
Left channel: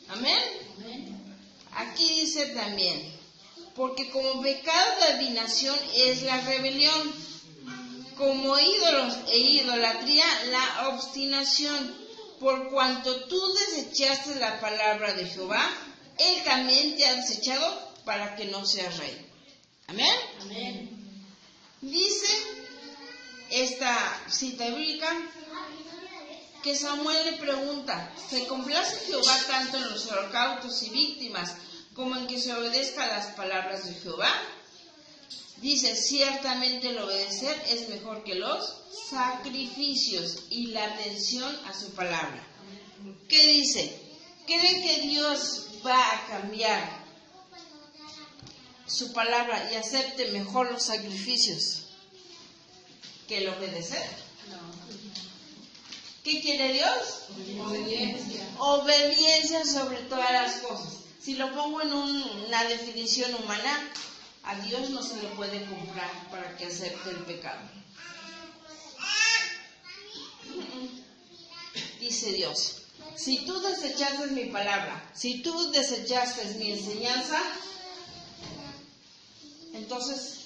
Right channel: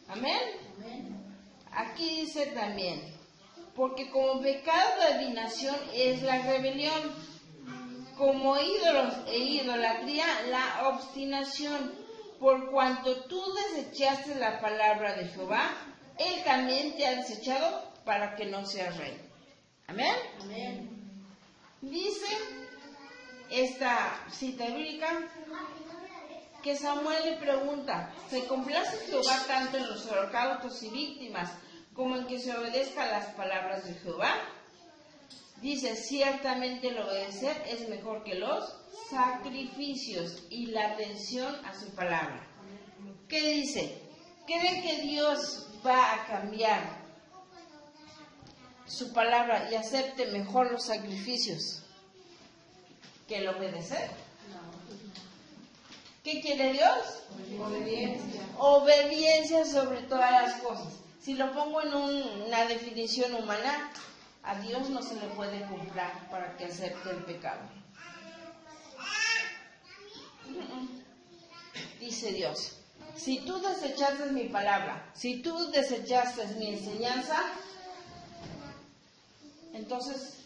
Amén. Aquí dice también, porque como pecado de adivinación es la rebelión, como ídolos e idolatría la obstinación, por cuanto tú desechaste la palabra de Jehová, Él también te ha desechado para que no seas rey. Amén. Amén. Dice esta cita bíblica que Samuel le pregunta, ¿se complace Jehová tanto en los holocaustos y víctimas como en que se obedezca a las palabras de Jehová? Dice, ciertamente el obedecer es mejor que los sacrificios y la atención a su palabra. ¿Qué dice? ¿Creen que Dios va a cambiar su palabra y acepte mejor los sacrificios que el obedecer? ¿Qué quiere Dios? Obediencia. Obediencia sobre todas las cosas. Si lo pongo en una definición humana, a Dios no se le puede comprar para que acepte el pecado. Dice Dios, si tú desechaste mi palabra, si tú desechaste mi enseñanza, entonces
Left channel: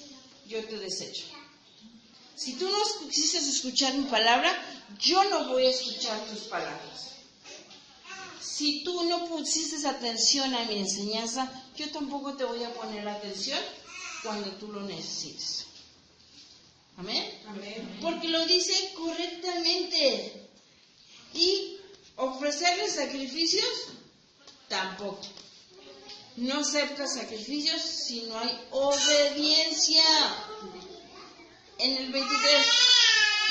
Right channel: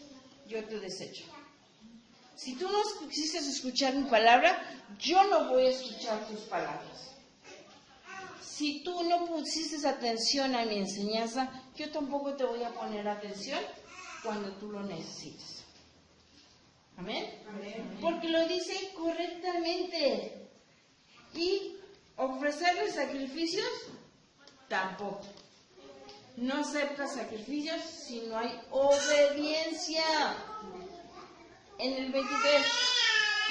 yo te desecho. Si tú no quisiste escuchar mi palabra, yo no voy a escuchar tus palabras. Si tú no pusiste atención a mi enseñanza, yo tampoco te voy a poner atención cuando tú lo necesites. ¿Amén? Amén. Porque lo dice correctamente. Y ofrecerle sacrificios, tampoco. No acepta sacrificios si no hay obediencia. En el 23,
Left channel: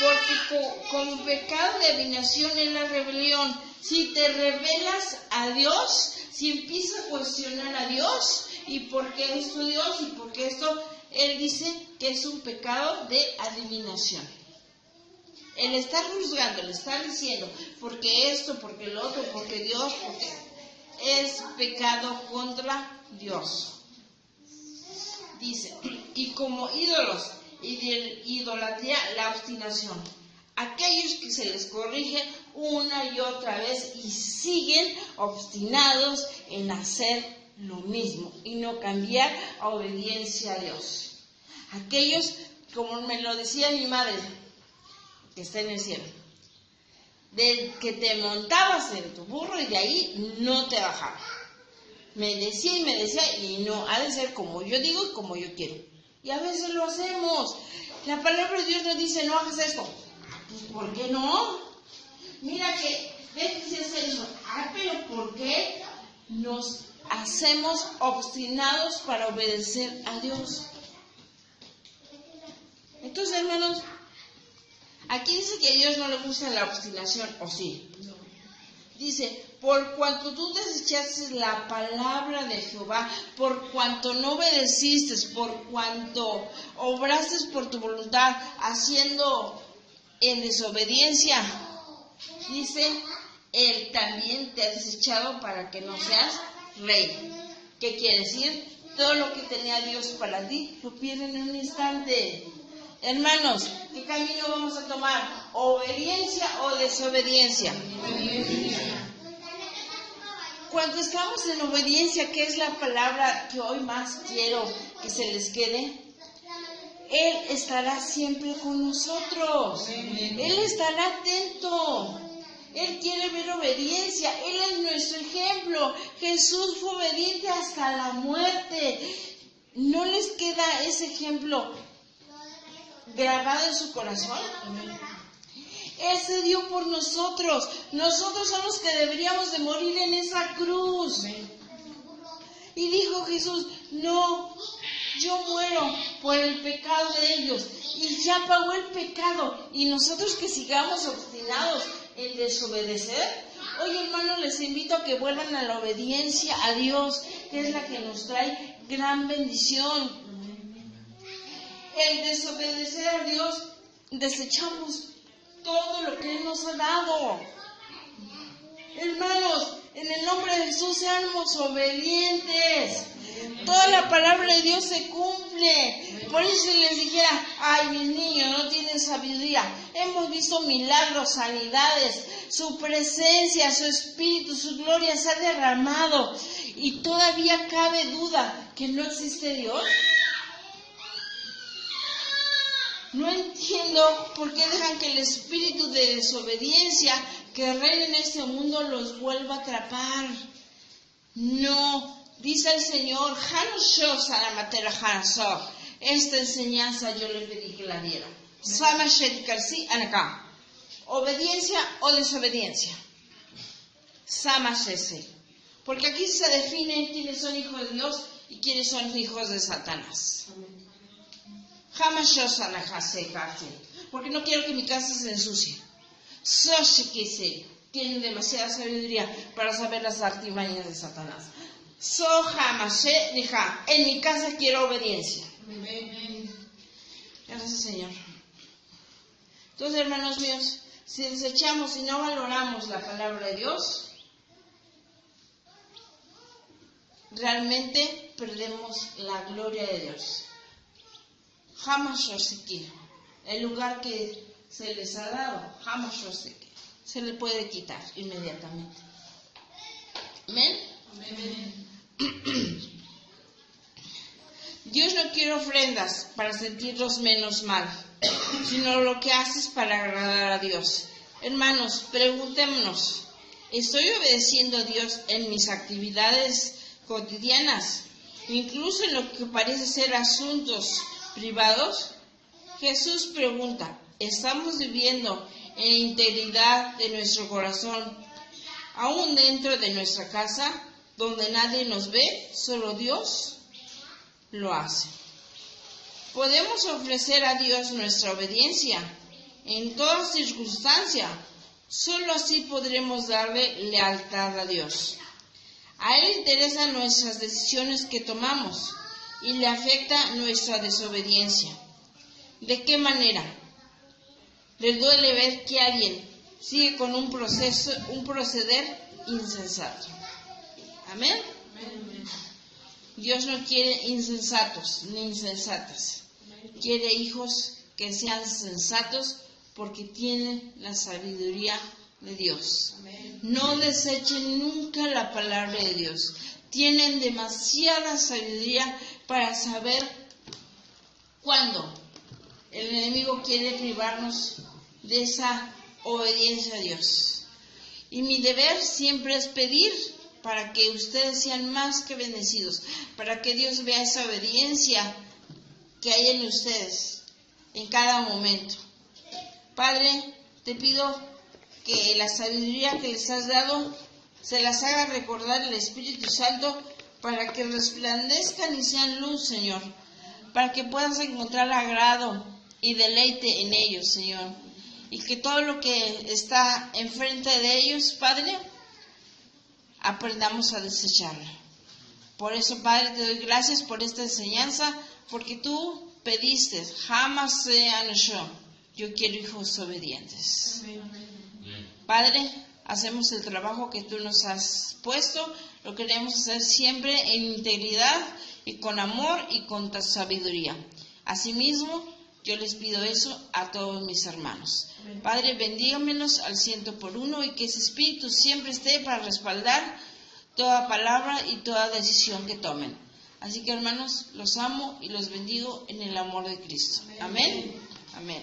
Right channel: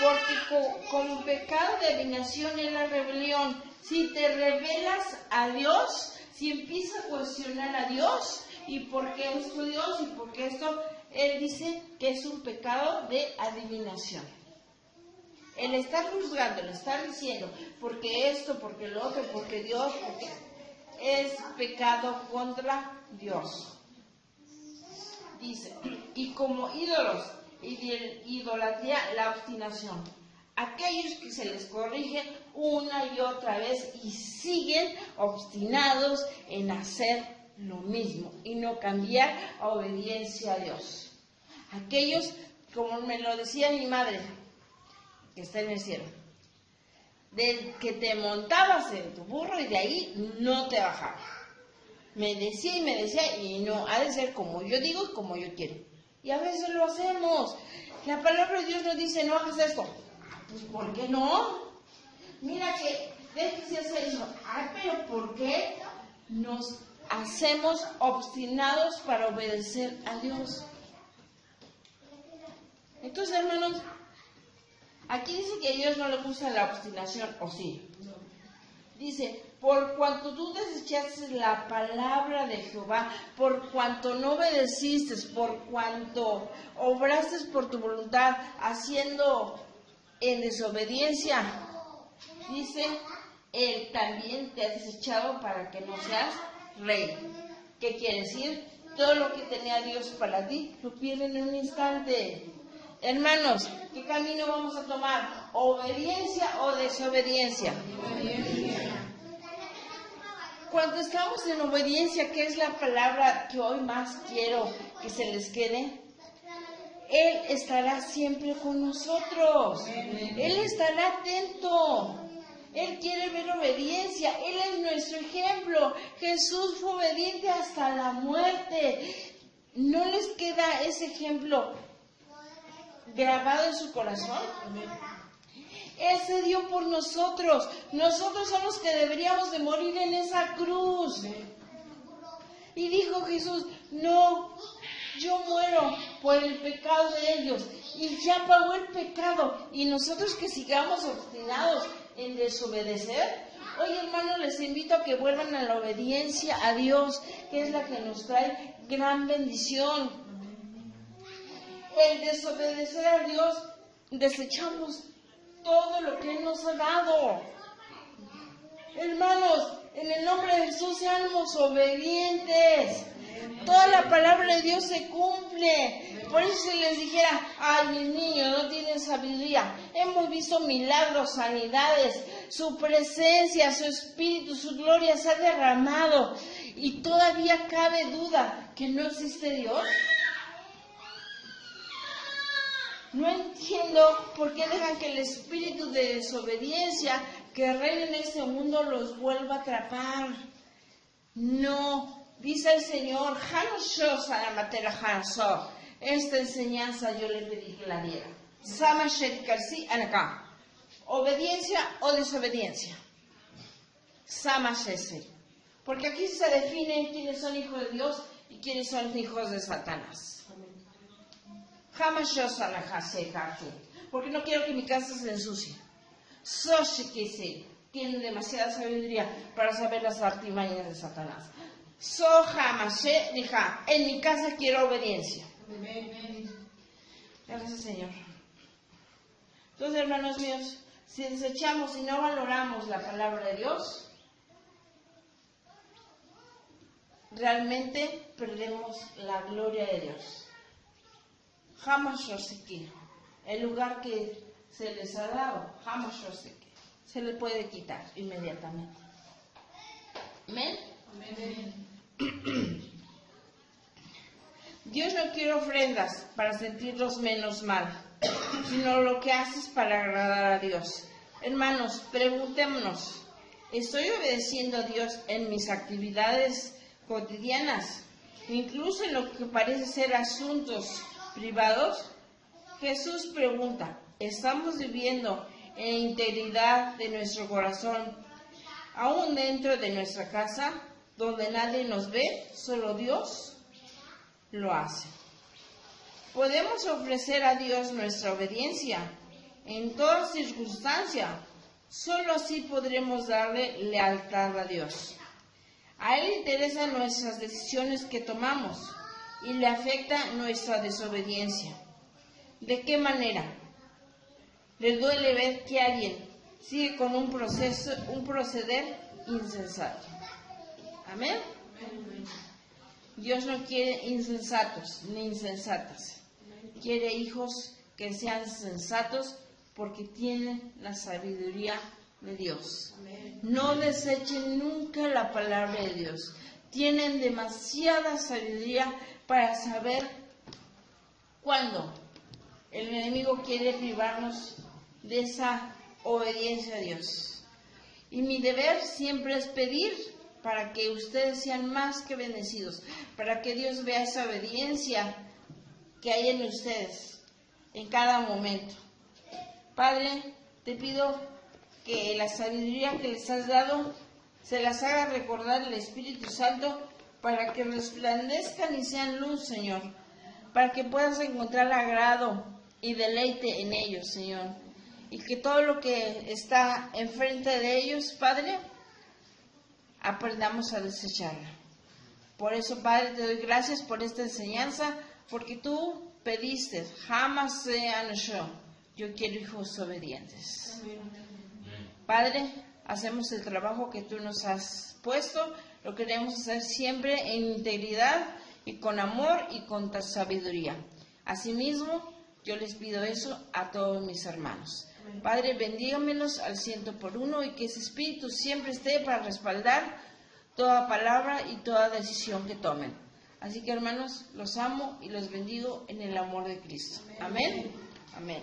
porque como pecado de adivinación es la rebelión. Si te rebelas a Dios, si empiezas a cuestionar a Dios, ¿y por qué esto Dios? ¿Y por qué esto? Él dice que es un pecado de adivinación. Él está juzgando, le está diciendo, porque esto, porque lo otro, porque Dios, porque es pecado contra Dios. Dice, y como ídolos, y de idolatría, la obstinación. Aquellos que se les corrige una y otra vez y siguen obstinados en hacer lo mismo y no cambiar a obediencia a Dios. Aquellos, como me lo decía mi madre, que está en el cielo, de que te montabas en tu burro y de ahí no te bajabas. Me decía y no, ha de ser como yo digo y como yo quiero. Y a veces lo hacemos. La palabra de Dios nos dice, no hagas esto. Pues, ¿por qué no? Mira que, ve que si hace eso. Pero ¿por qué nos hacemos obstinados para obedecer a Dios? Entonces, hermanos, aquí dice que a Dios no le gusta la obstinación, ¿o sí? Dice, por cuanto tú desechaste la palabra de Jehová, por cuanto no obedeciste, por cuanto obraste por tu voluntad, haciendo en desobediencia, dice, Él también te ha desechado para que no seas rey. ¿Qué quiere decir? Todo lo que tenía Dios para ti, lo pierden en un instante. Hermanos, ¿qué camino vamos a tomar? ¿Obediencia o desobediencia? Cuando estamos en obediencia, ¿qué es la palabra que hoy más quiero que se les quede? Él estará siempre con nosotros. Él estará atento. Él quiere ver obediencia. Él es nuestro ejemplo. Jesús fue obediente hasta la muerte. ¿No les queda ese ejemplo grabado en su corazón? Él se dio por nosotros. Nosotros somos los que deberíamos de morir en esa cruz. Y dijo Jesús, no, yo muero por el pecado de ellos. Y ya pagó el pecado. Y nosotros que sigamos obstinados en desobedecer. Oye, hermanos, les invito a que vuelvan a la obediencia a Dios, que es la que nos trae gran bendición. El desobedecer a Dios, desechamos todo lo que Él nos ha dado. Hermanos, en el nombre de Jesús seamos obedientes. Toda la palabra de Dios se cumple. Por eso si les dijera, ay, mis niños no tienen sabiduría. Hemos visto milagros, sanidades, su presencia, su espíritu, su gloria se ha derramado. Y todavía cabe duda que no existe Dios. No entiendo por qué dejan que el espíritu de desobediencia que reina en este mundo los vuelva a atrapar. No, dice el Señor, esta enseñanza yo le pedí que la diera. Obediencia o desobediencia. Porque aquí se define quiénes son hijos de Dios y quiénes son hijos de Satanás. Jamás yo porque no quiero que mi casa se ensucie. Tienen demasiada sabiduría para saber las artimañas de Satanás. En mi casa quiero obediencia. Gracias, Señor. Entonces, hermanos míos, Si desechamos y no valoramos la palabra de Dios, realmente perdemos la gloria de Dios. Hamashoseki, el lugar que se les ha dado, Hamashoseki, se le puede quitar inmediatamente. Amén. Amén. Dios no quiere ofrendas para sentirnos menos mal, sino lo que haces para agradar a Dios. Hermanos, preguntémonos, ¿estoy obedeciendo a Dios en mis actividades cotidianas, incluso en lo que parece ser asuntos privados? Jesús pregunta, ¿estamos viviendo en integridad de nuestro corazón, aún dentro de nuestra casa, donde nadie nos ve, solo Dios lo hace? Podemos ofrecer a Dios nuestra obediencia en toda circunstancia. Solo así podremos darle lealtad a Dios. A Él le interesan nuestras decisiones que tomamos y le afecta nuestra desobediencia. ¿De qué manera? Le duele ver que alguien sigue con un proceder insensato. Amén. Dios no quiere insensatos ni insensatas. Quiere hijos que sean sensatos porque tienen la sabiduría de Dios. No desechen nunca la palabra de Dios. Tienen demasiada sabiduría para saber cuándo el enemigo quiere privarnos de esa obediencia a Dios. Y mi deber siempre es pedir para que ustedes sean más que bendecidos, para que Dios vea esa obediencia que hay en ustedes en cada momento. Padre, te pido que la sabiduría que les has dado se las haga recordar el Espíritu Santo para que resplandezcan y sean luz, Señor, para que puedas encontrar agrado y deleite en ellos, Señor, y que todo lo que está enfrente de ellos, Padre, aprendamos a desecharlo. Por eso, Padre, te doy gracias por esta enseñanza, porque tú pediste, jamás sean yo quiero hijos obedientes. Padre, hacemos el trabajo que tú nos has puesto, lo queremos hacer siempre en integridad y con amor y con sabiduría. Asimismo, yo les pido eso a todos mis hermanos. Padre, bendígamelos al 100%, y que ese Espíritu siempre esté para respaldar toda palabra y toda decisión que tomen. Así que, hermanos, los amo y los bendigo en el amor de Cristo. Amén. Amén.